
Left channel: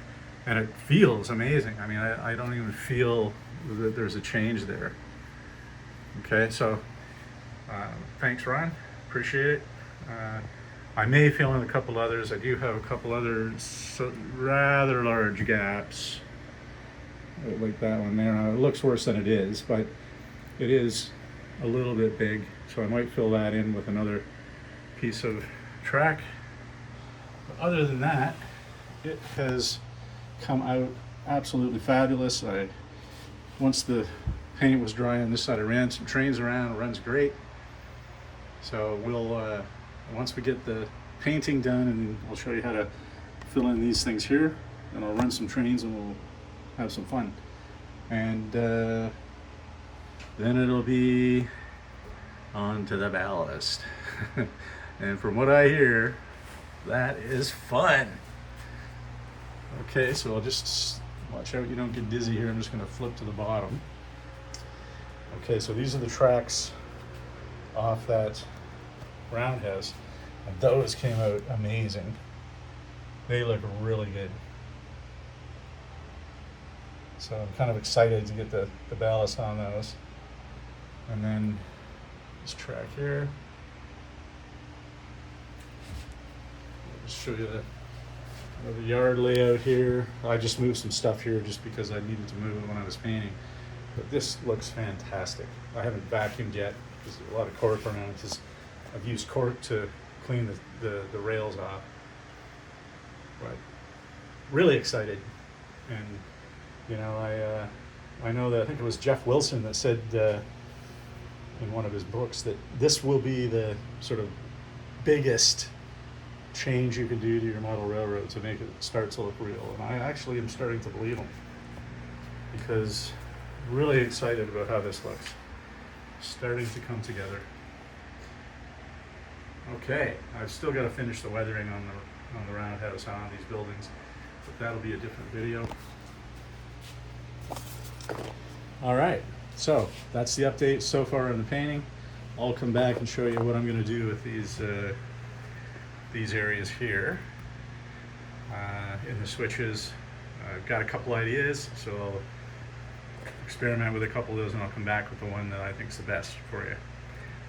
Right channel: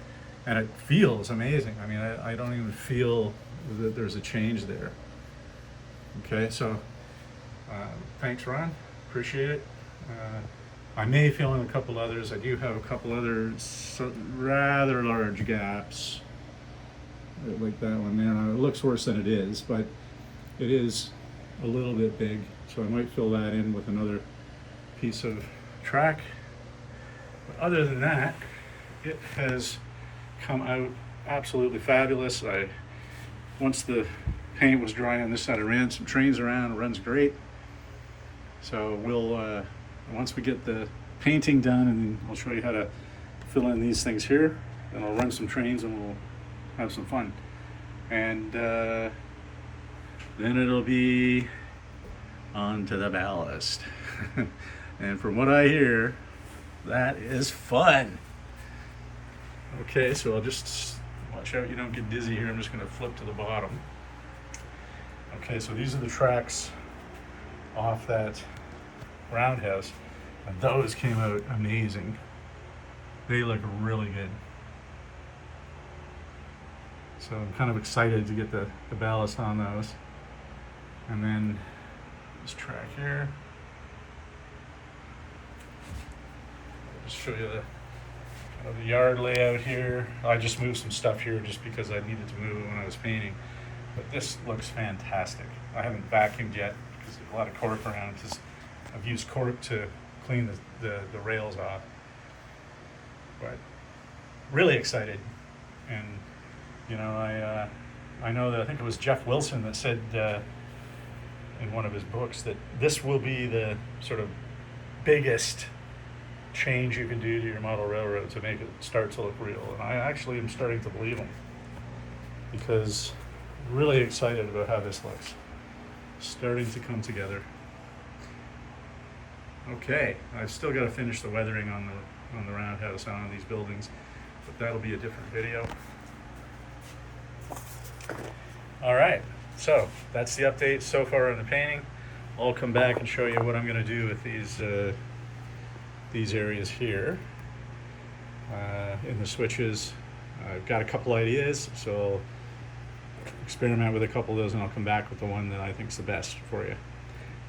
it feels amazing. I mean, I don't even feel that there's a change there. Okay, so thanks, Ron. Appreciate it. I may fill in a couple others. I do have a couple other rather large gaps, like that one there. It looks worse than it is, but it is a little bit big, so I might fill that in with another piece of track. But other than that, it has come out absolutely fabulous. Once the paint was dry on this side, I ran some trains around. It runs great. So we'll once we get the painting done, and I'll show you how to fill in these things here, then I'll run some trains and we'll have some fun. And then it'll be on to the ballast. And from what I hear, that is fun. Okay, so I'll just watch out you don't get dizzy here. I'm just going to flip to the bottom. Okay, so these are the tracks off that roundhouse, and those came out amazing. They look really good. So I'm kind of excited to get the ballast on those. And then this track here. I'll just show you the yard layout here. I just moved some stuff here just because I needed to move it when I was painting. But this looks fantastic. I haven't vacuumed yet because there's a lot of cork around. I've used cork to clean the rails off. But really excited, and You know, I know that I think it was Jeff Wilson that said in one of his books that this will be the sort of biggest change you can do to your model railroad to make it start to look real. And I actually am starting to believe him, because I'm really excited about how this looks. Starting to come together. Okay, I've still got to finish the weathering on the roundhouse on these buildings, but that'll be a different video. All right, so that's the update so far on the painting. I'll come back and show you what I'm going to do with these areas here in the switches. I've got a couple ideas, so I'll experiment with a couple of those, and I'll come back with the one that I think is the best for you.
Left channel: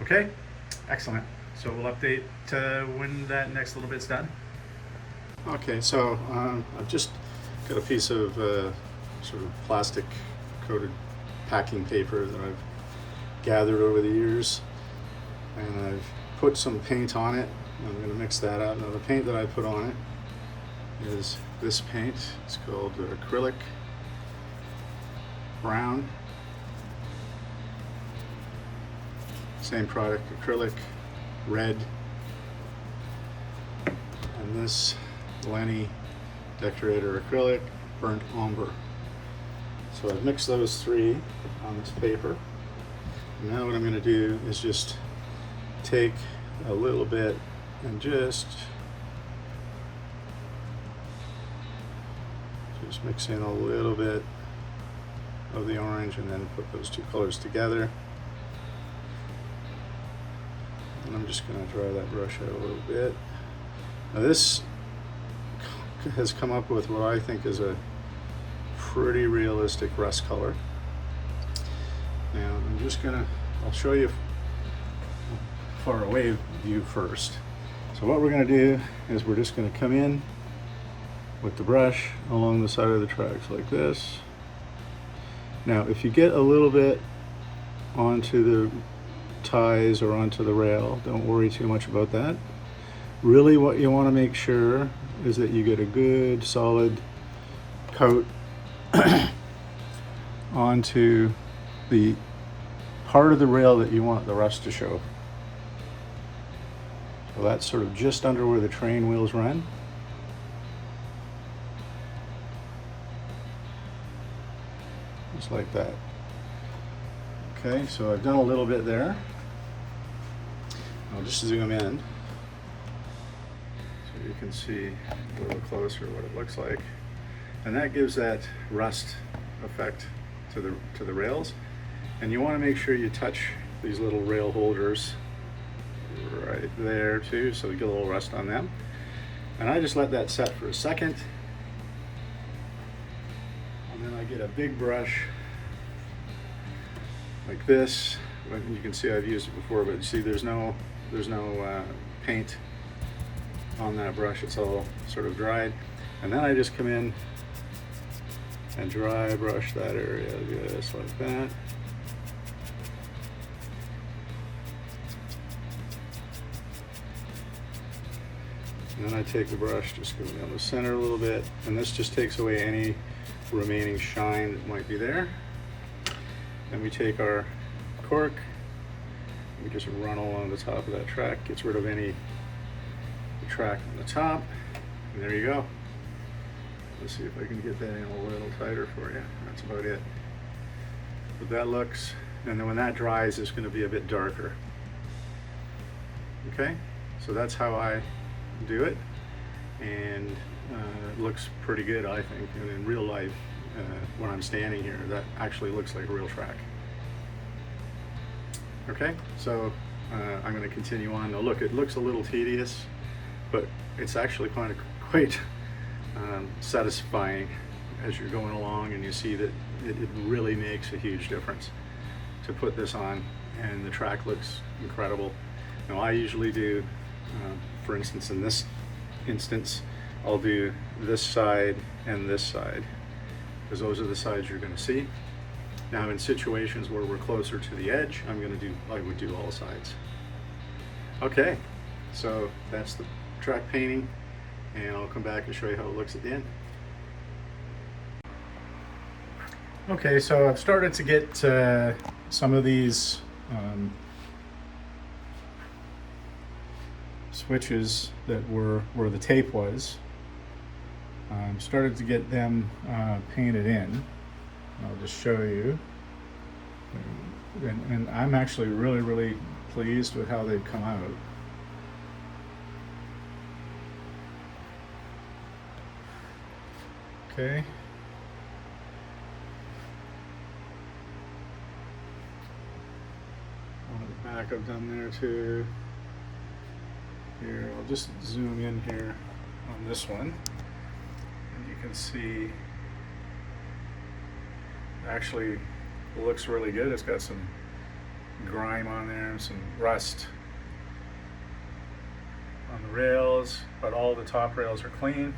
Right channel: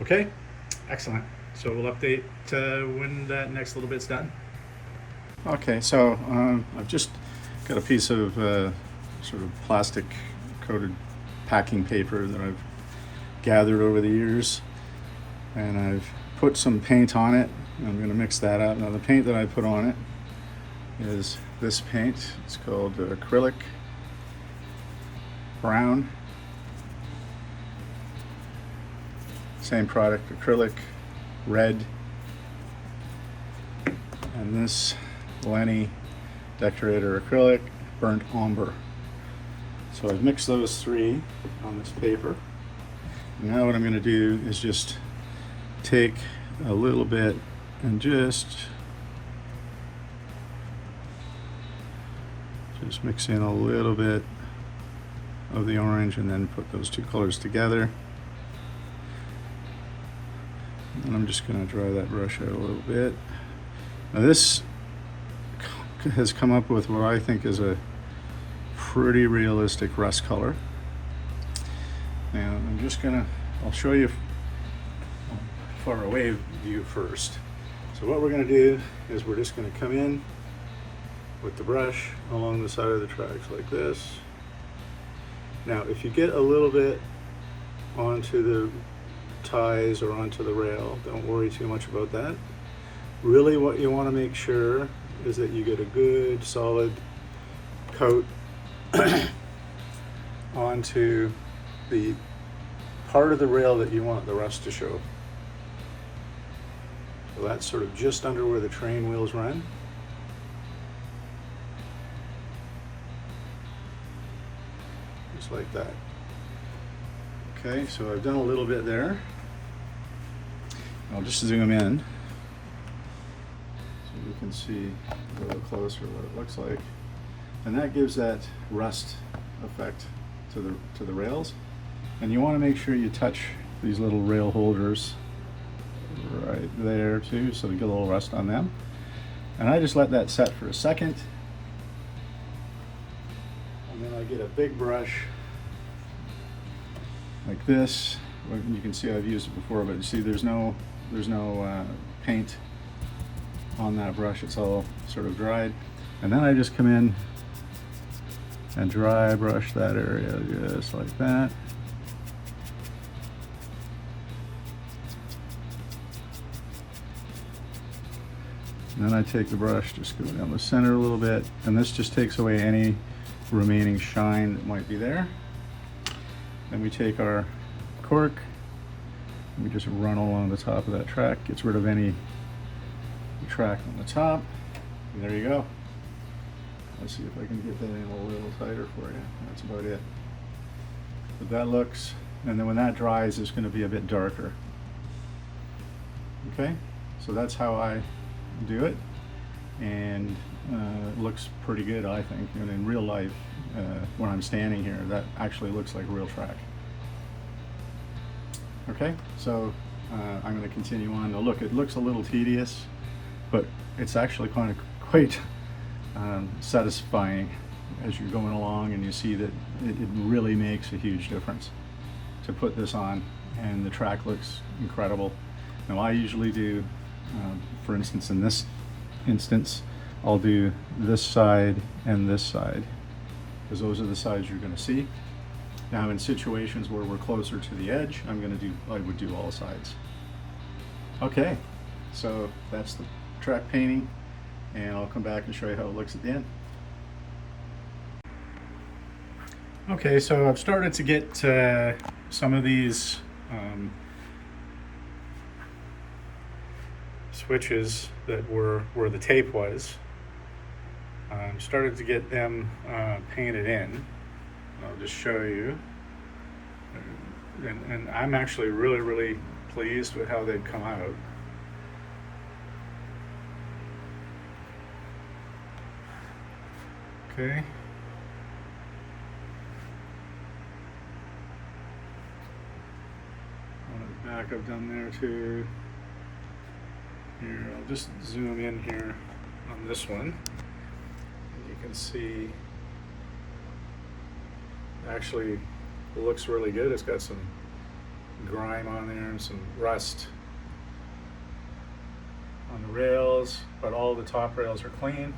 Okay, excellent. So we'll update when that next little bit's done. Okay, so I've just got a piece of sort of plastic coated packing paper that I've gathered over the years, and I've put some paint on it. I'm going to mix that up. Now the paint that I put on it is this paint. It's called acrylic brown. Same product, acrylic red, and this LE&NS decorator acrylic burnt umber. So I've mixed those three on this paper. And now what I'm going to do is just take a little bit and just mix in a little bit of the orange, and then put those two colors together. And I'm just going to dry that brush out a little bit. Now this has come up with what I think is a pretty realistic rust color. And I'll show you far away view first. So what we're going to do is we're just going to come in with the brush along the side of the tracks like this. Now if you get a little bit onto the ties or onto the rail, don't worry too much about that. Really what you want to make sure is that you get a good solid coat onto the part of the rail that you want the rust to show. So that's sort of just under where the train wheels run. Just like that. Okay, so I've done a little bit there. I'll just zoom in so you can see a little closer what it looks like. And that gives that rust effect to the rails. And you want to make sure you touch these little rail holders right there too, so you get a little rust on them. And I just let that set for a second. And then I get a big brush like this. You can see I've used it before, but you see there's no paint on that brush. It's all sort of dried. And then I just come in and dry brush that area just like that. And then I take the brush, just go down the center a little bit, and this just takes away any remaining shine that might be there. Then we take our cork, and we just run along the top of that track, gets rid of any track on the top. And there you go. Let's see if I can get that in a little tighter for you. That's about it. But that looks, and then when that dries, it's going to be a bit darker. Okay, so that's how I do it, and it looks pretty good, I think. And in real life, when I'm standing here, that actually looks like a real track. Okay, so I'm going to continue on. Now look, it looks a little tedious, but it's actually quite satisfying as you're going along, and you see that it really makes a huge difference to put this on, and the track looks incredible. Now I usually do, for instance, in this instance, I'll do this side and this side, because those are the sides you're going to see. Now in situations where we're closer to the edge, I would do all sides. Okay, so that's the track painting, and I'll come back and show you how it looks at the end. Okay, so I've started to get some of these switches that were where the tape was. Started to get them painted in. I'll just show you. And I'm actually really pleased with how they've come out. Okay. On the back I've done there too. Here, I'll just zoom in here on this one. And you can see actually it looks really good. It's got some grime on there and some rust on the rails, but all the top rails are clean.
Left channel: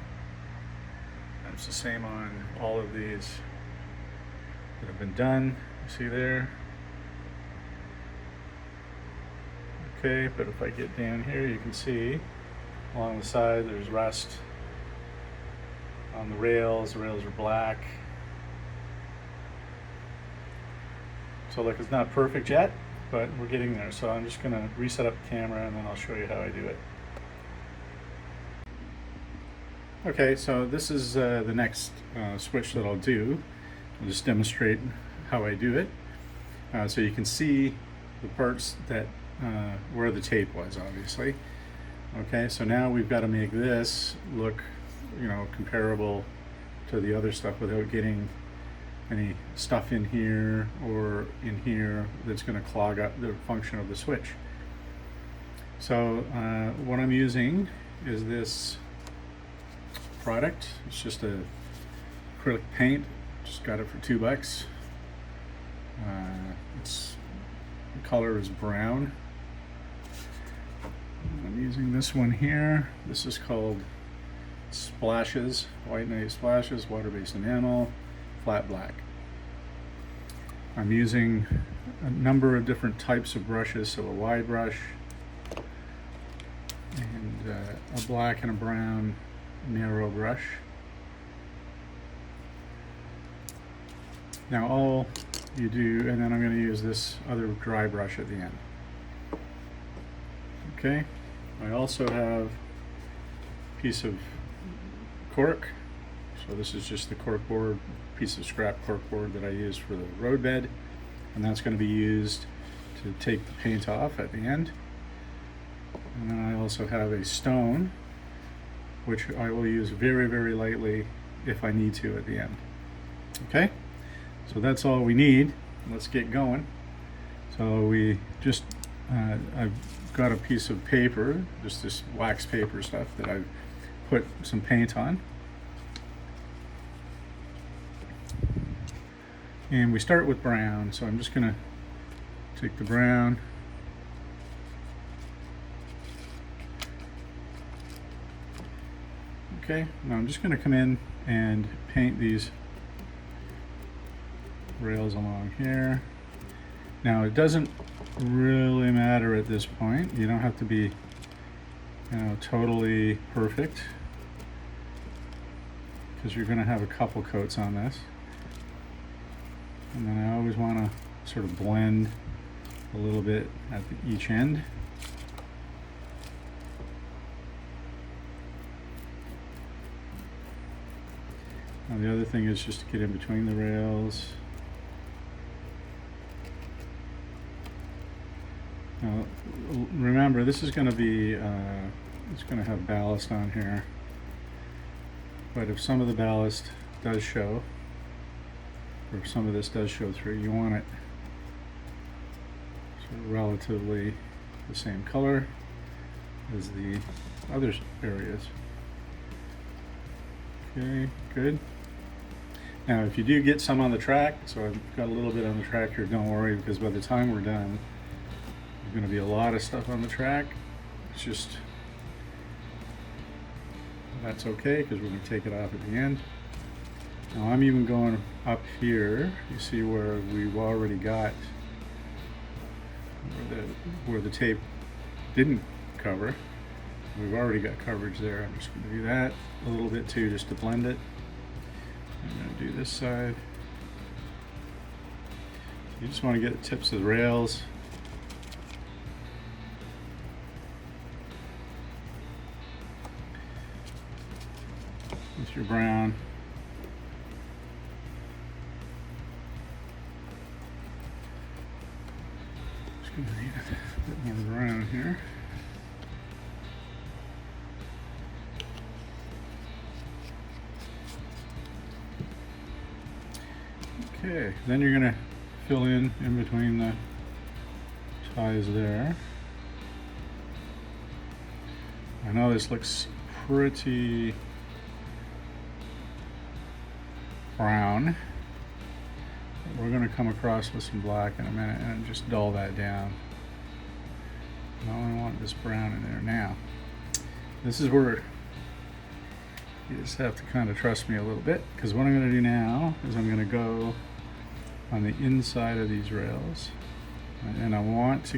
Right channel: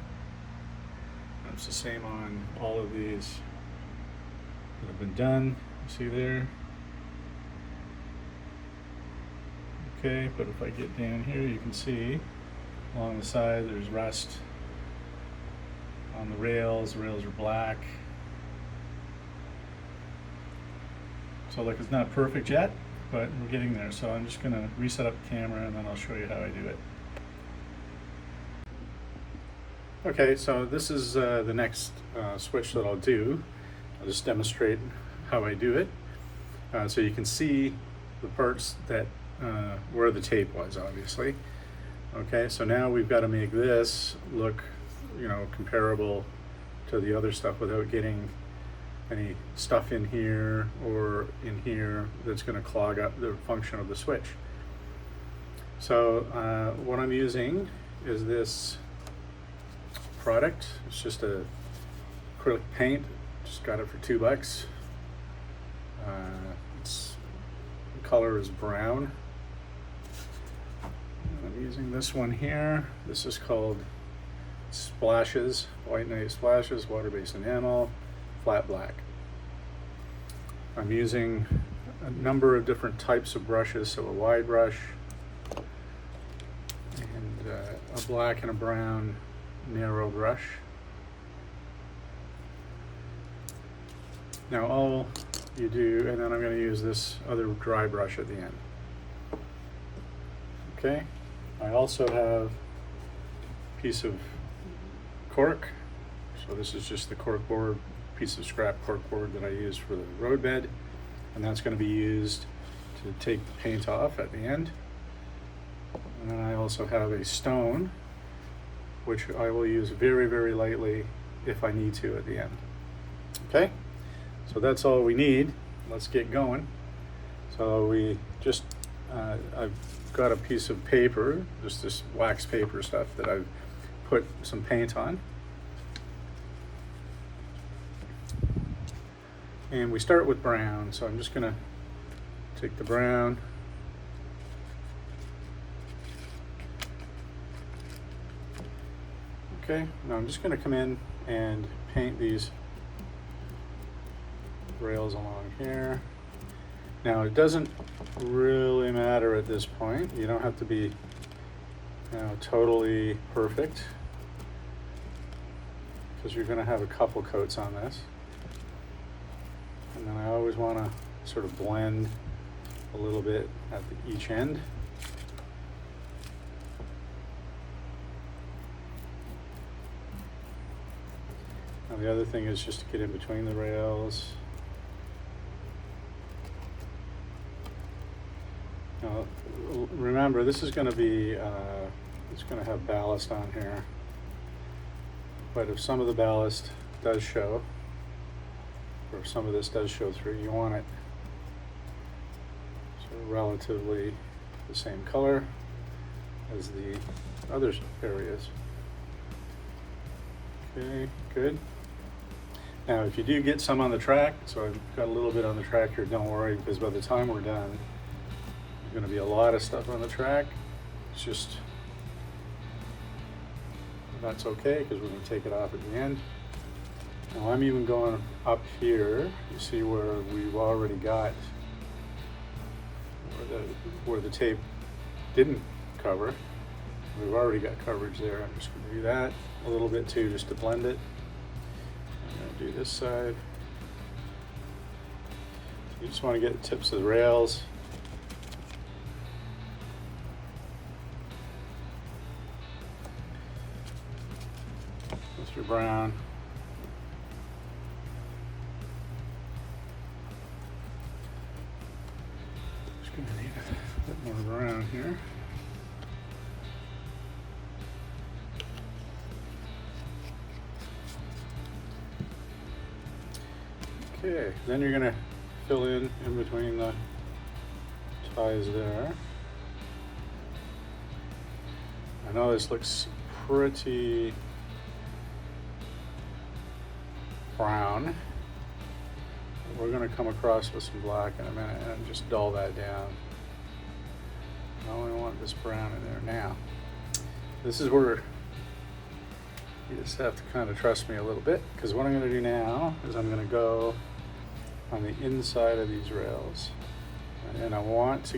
And it's the same on all of these that have been done. You see there? Okay, but if I get down here, you can see along the side there's rust on the rails. The rails are black. So look, it's not perfect yet, but we're getting there. So I'm just gonna reset up the camera and then I'll show you how I do it. Okay, so this is the next switch that I'll do. I'll just demonstrate how I do it. So you can see the parts that where the tape was, obviously. Okay, so now we've got to make this look, you know, comparable to the other stuff without getting any stuff in here or in here that's going to clog up the function of the switch. So what I'm using is this product. It's just a acrylic paint. Just got it for $2. The color is brown. I'm using this one here. This is called Splashes, White Night Splashes, water-based enamel, flat black. I'm using a number of different types of brushes, so a wide brush, and a black and a brown narrow brush. Now all you do, and then I'm going to use this other dry brush at the end. Okay, I also have a piece of cork. So this is just the cork board, piece of scrap cork board that I use for the road bed, and that's going to be used to take the paint off at the end. And then I also have a stone, which I will use very lightly if I need to at the end. Okay, so that's all we need. Let's get going. So we just I've got a piece of paper, just this wax paper stuff that I've put some paint on. And we start with brown, so I'm just going to take the brown, okay, now I'm just going to come in and paint these rails along here. Now it doesn't really matter at this point. You don't have to be, you know, totally perfect, because you're going to have a couple coats on this. And then I always want to sort of blend a little bit at each end. Now the other thing is just to get in between the rails. Now, remember, this is going to be, it's going to have ballast on here. But if some of the ballast does show, or some of this does show through, you want it sort of relatively the same color as the other areas. Okay, good. Now if you do get some on the track, so I've got a little bit on the track here, don't worry, because by the time we're done, there's going to be a lot of stuff on the track. It's just, that's okay, because we're going to take it off at the end. Now I'm even going up here. You see where we've already got where the tape didn't cover. We've already got coverage there. I'm just going to do that a little bit too, just to blend it. I'm going to do this side. You just want to get the tips of the rails. With your brown. Just going to need a bit more brown here. Okay, then you're going to fill in between the ties there. I know this looks pretty brown. We're going to come across with some black in a minute and just dull that down. I only want this brown in there now. This is where you just have to kind of trust me a little bit, because what I'm going to do now is I'm going to go on the inside of these rails, and then I want to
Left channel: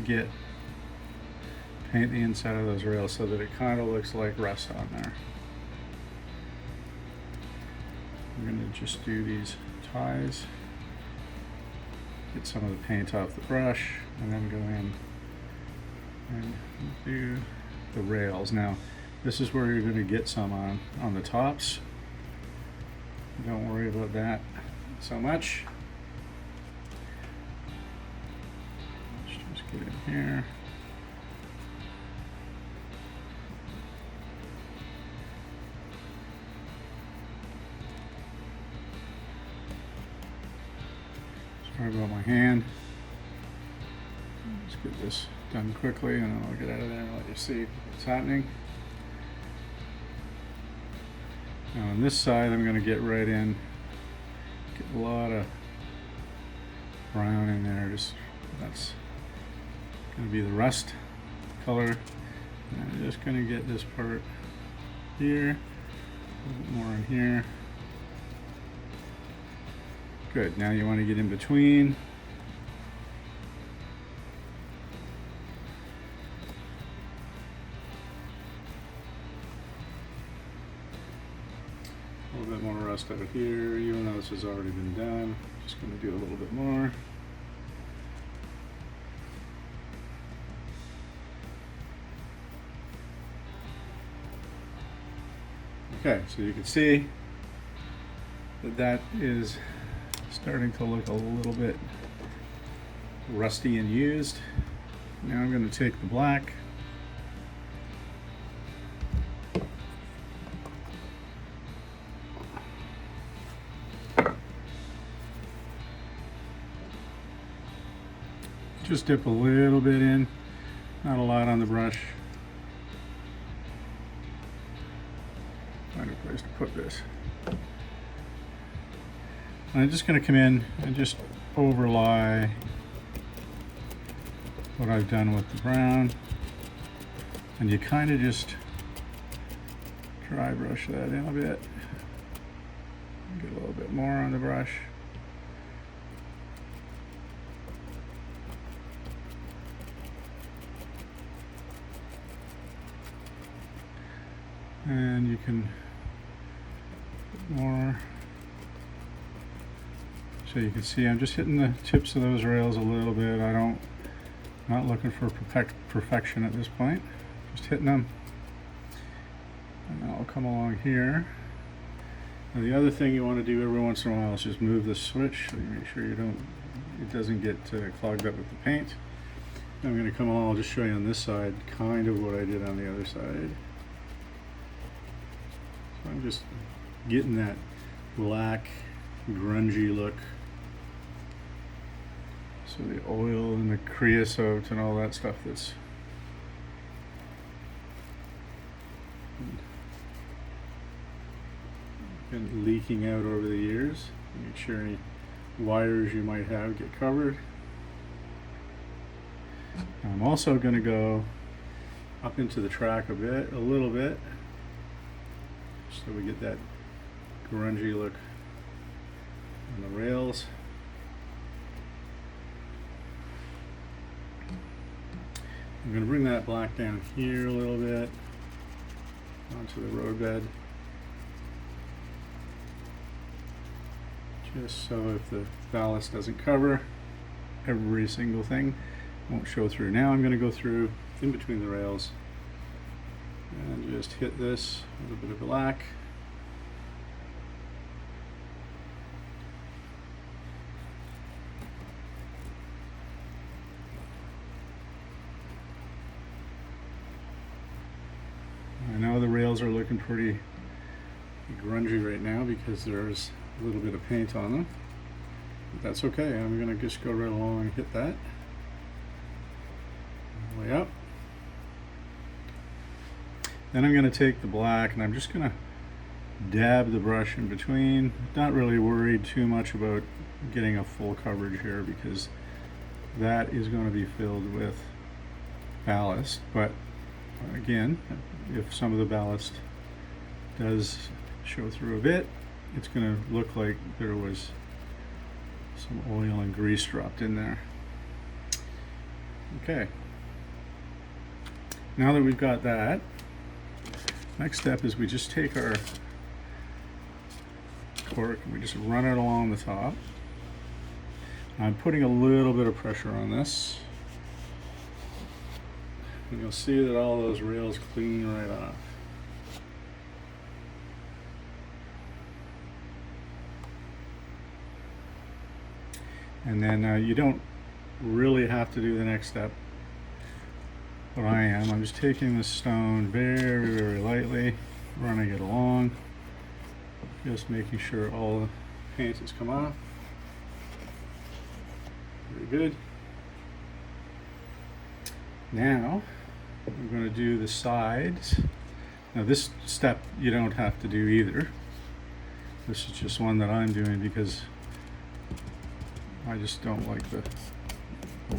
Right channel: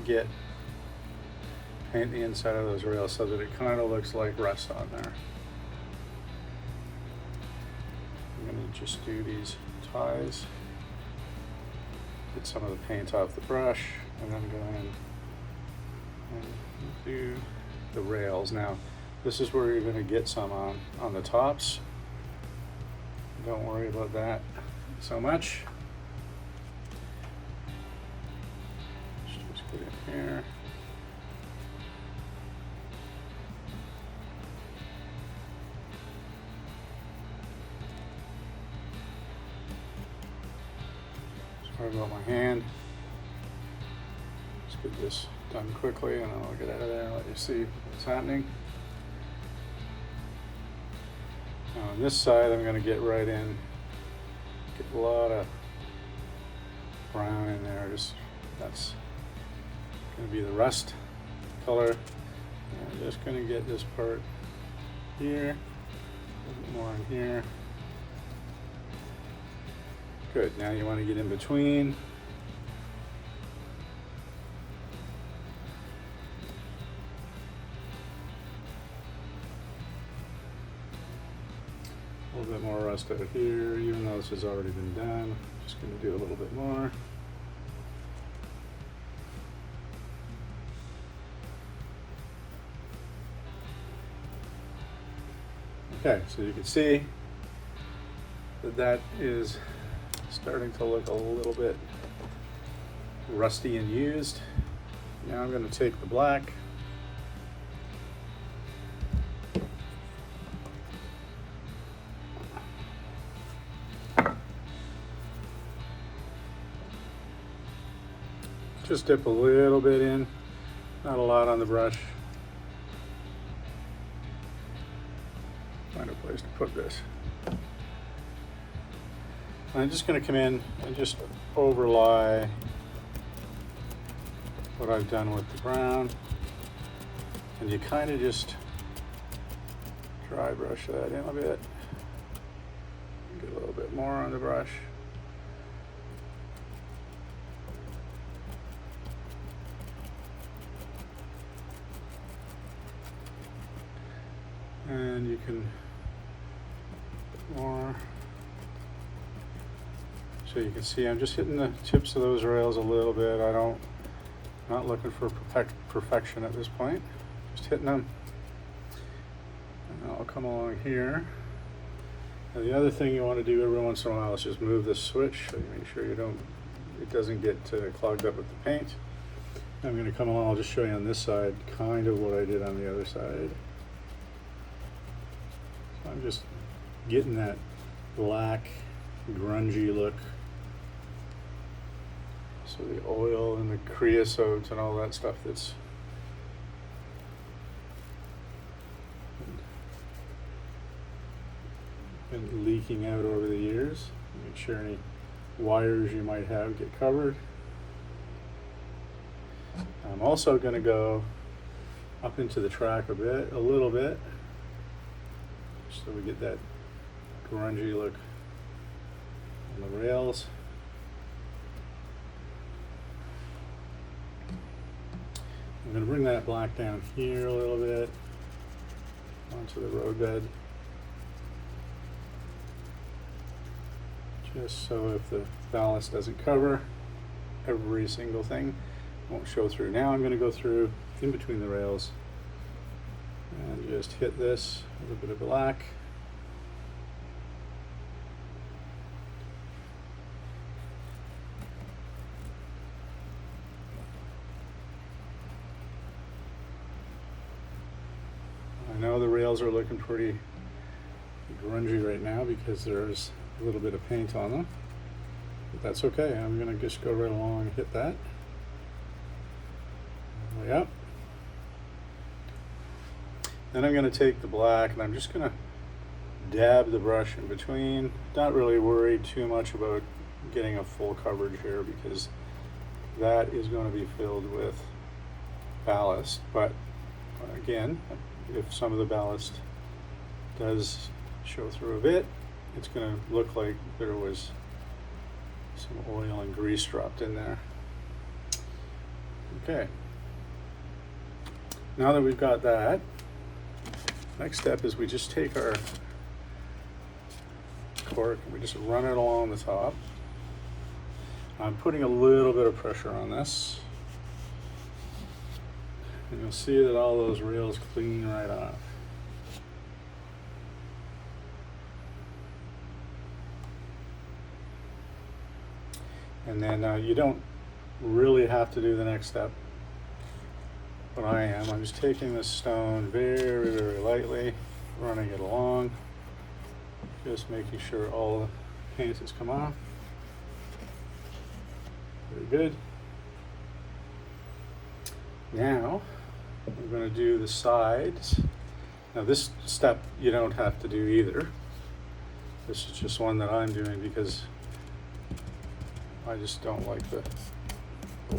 paint the inside of those rails so that it kind of looks like rust on there. I'm going to just do these ties, get some of the paint off the brush, and then go in and do the rails. Now this is where you're going to get some on the tops. Don't worry about that so much. Let's just get in here. Sorry about my hand. Let's get this done quickly and then I'll get out of there and let you see what's happening. Now on this side I'm going to get right in, get a lot of brown in there. That's going to be the rust color. And I'm just going to get this part here, a little bit more in here. Good. Now you want to get in between. A little bit more rust out here, even though this has already been done. Just going to do a little bit more. Okay, so you can see that is starting to look a little bit rusty and used. Now I'm going to take the black, just dip a little bit in, not a lot on the brush. Find a place to put this. And I'm just going to come in and just overlay what I've done with the brown, and you kind of just dry brush that in a bit, get a little bit more on the brush. And you can put more. So you can see I'm just hitting the tips of those rails a little bit. Not looking for perfection at this point. Just hitting them. And I'll come along here. Now the other thing you want to do every once in a while is just move the switch so you make sure it doesn't get clogged up with the paint. I'm going to come along, I'll just show you on this side kind of what I did on the other side. So I'm just getting that black grungy look. So the oil and the creosote and all that stuff that's been leaking out over the years. Make sure any wires you might have get covered. I'm also going to go up into the track a little bit, so we get that grungy look on the rails. I'm going to bring that black down here a little bit onto the roadbed, just so if the ballast doesn't cover, every single thing. Won't show through. Now I'm going to go through in between the rails and just hit this with a bit of black. I know the rails are looking pretty grungy right now because there's a little bit of paint on them, but that's okay. I'm going to just go right along and hit that all the way up. Then I'm going to take the black and I'm just going to dab the brush in between. Not really worried too much about getting a full coverage here because that is going to be filled with ballast, but again, if some of the ballast does show through a bit, it's going to look like there was some oil and grease dropped in there. Okay, now that we've got that, next step is we just take our cork and we just run it along the top. I'm putting a little bit of pressure on this, and you'll see that all those rails clean right off. And then you don't really have to do the next step, but I am. I'm just taking this stone very, very lightly, running it along, just making sure all the paint has come off. Very good. Now we're going to do the sides. Now this step you don't have to do either. This is just one that I'm doing because I just don't like the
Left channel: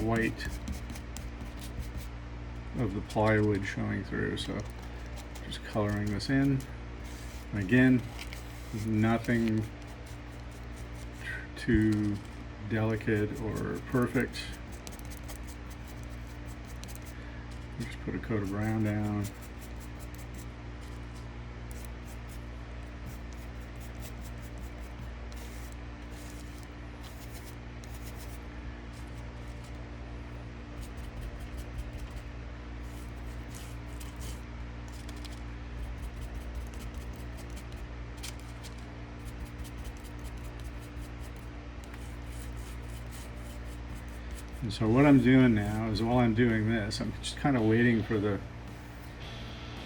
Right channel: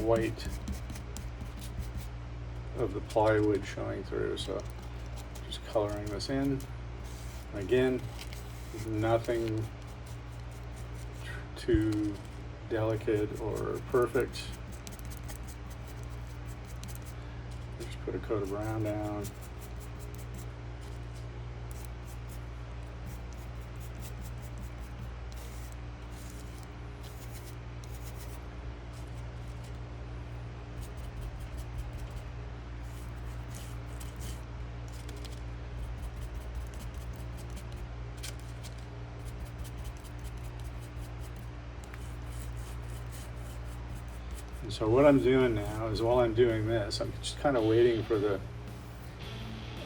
white of the plywood showing through, so just coloring this in. Again, nothing too delicate or perfect. Just put a coat of brown down. And so what I'm doing now is while I'm doing this, I'm just kind of waiting for the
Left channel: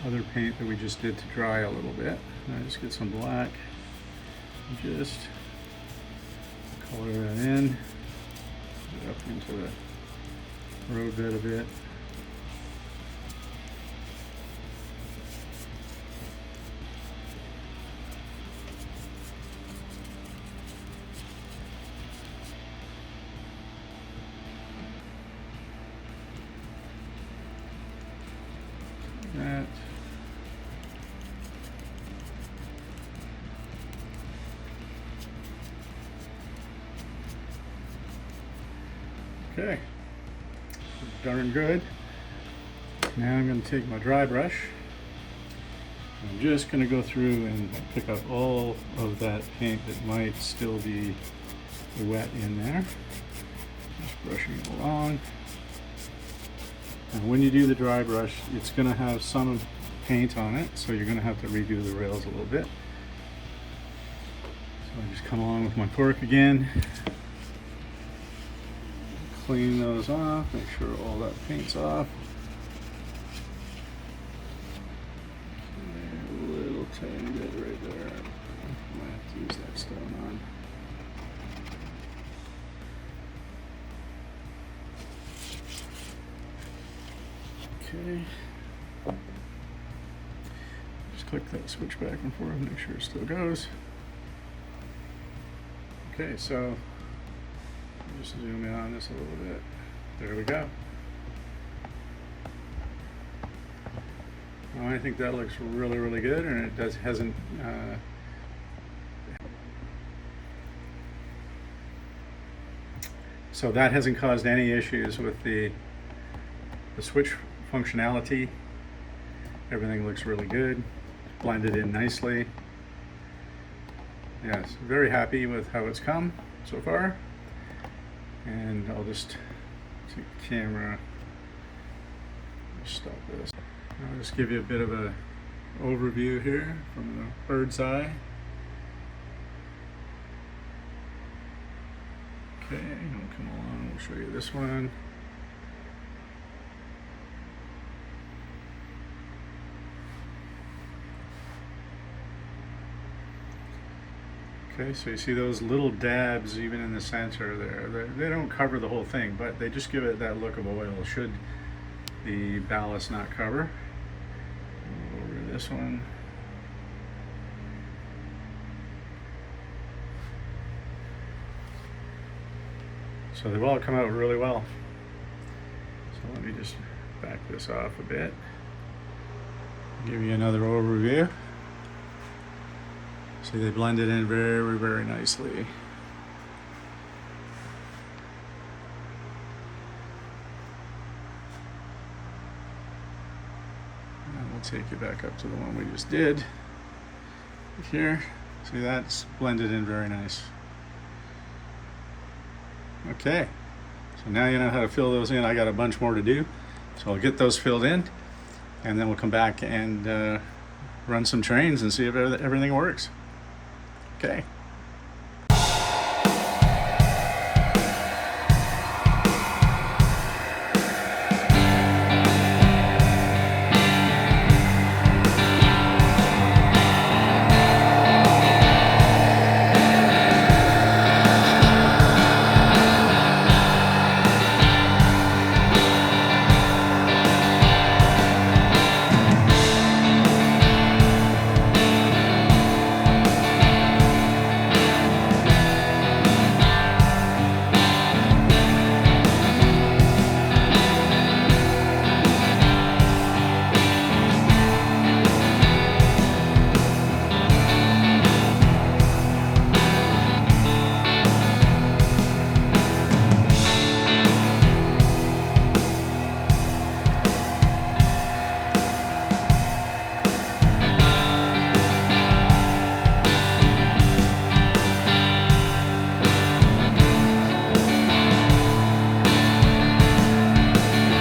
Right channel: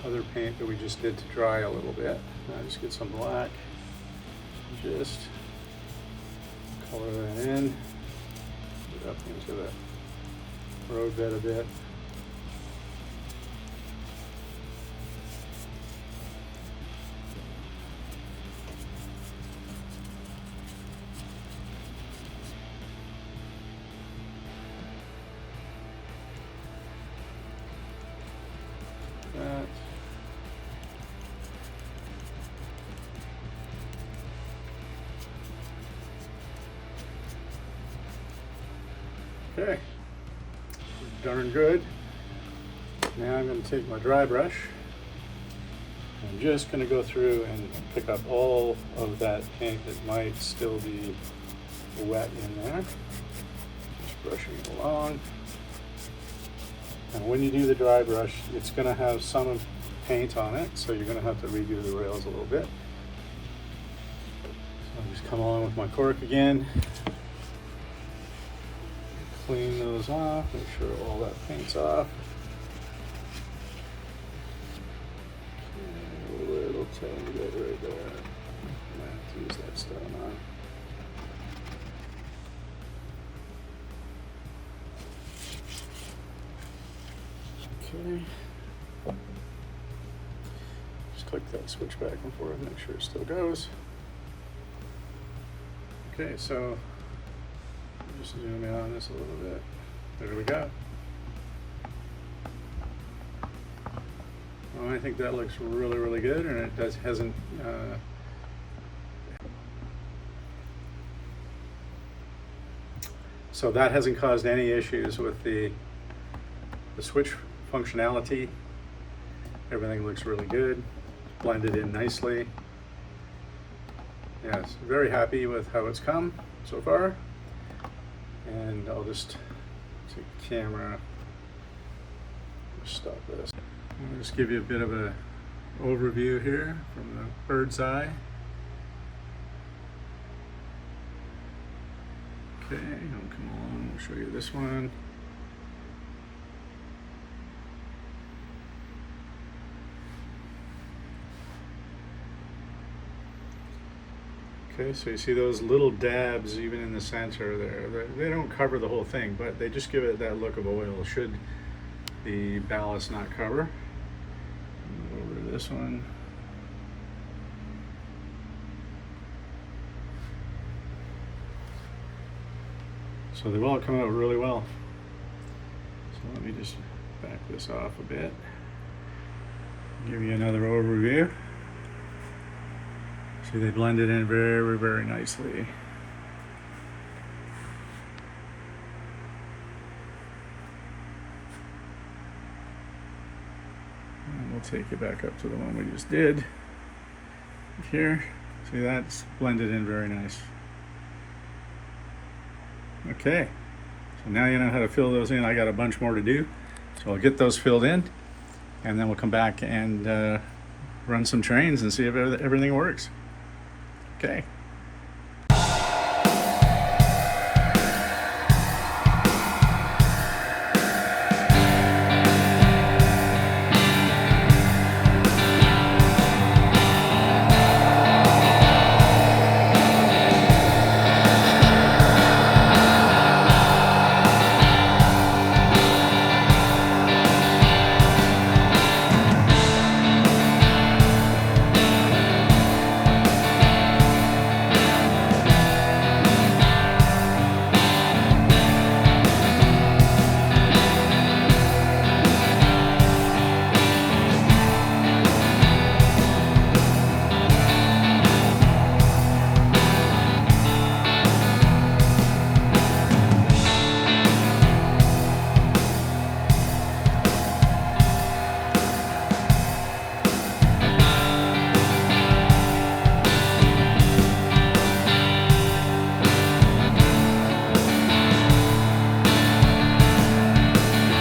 other paint that we just did to dry a little bit. And I just get some black and just color that in, get up into the road bed a bit. That. Okay, darn good. Now I'm going to take my dry brush. I'm just going to go through and pick up all of that paint that might still be wet in there. Just brushing it along. And when you do the dry brush, it's going to have some paint on it, so you're going to have to redo the rails a little bit. So I just come along with my cork again, clean those off, make sure all that paint's off. And a little tiny bit right there. I might have to use that stone on. Okay. Just click that switch back and forth, make sure it still goes. Okay, so just zoom in on this a little bit. There we go. Well, I think that looks really, really good, and it hasn't. So that hasn't caused any issues with the switch functionality. Everything looks really good, blended in nicely. Yes, very happy with how it's come so far. And I'll just take the camera, just stop this. I'll just give you a bit of a overview here from the bird's eye. Okay, I'll come along, we'll show you this one. Okay, so you see those little dabs even in the center there. They don't cover the whole thing, but they just give it that look of oil, should the ballast not cover. Move over to this one. So they've all come out really well. So let me just back this off a bit. Give you another overview. See, they blended in very, very nicely. And we'll take you back up to the one we just did. Here, see, that's blended in very nice. Okay, so now you know how to fill those in. I got a bunch more to do, so I'll get those filled in, and then we'll come back and run some trains and see if everything works. Okay.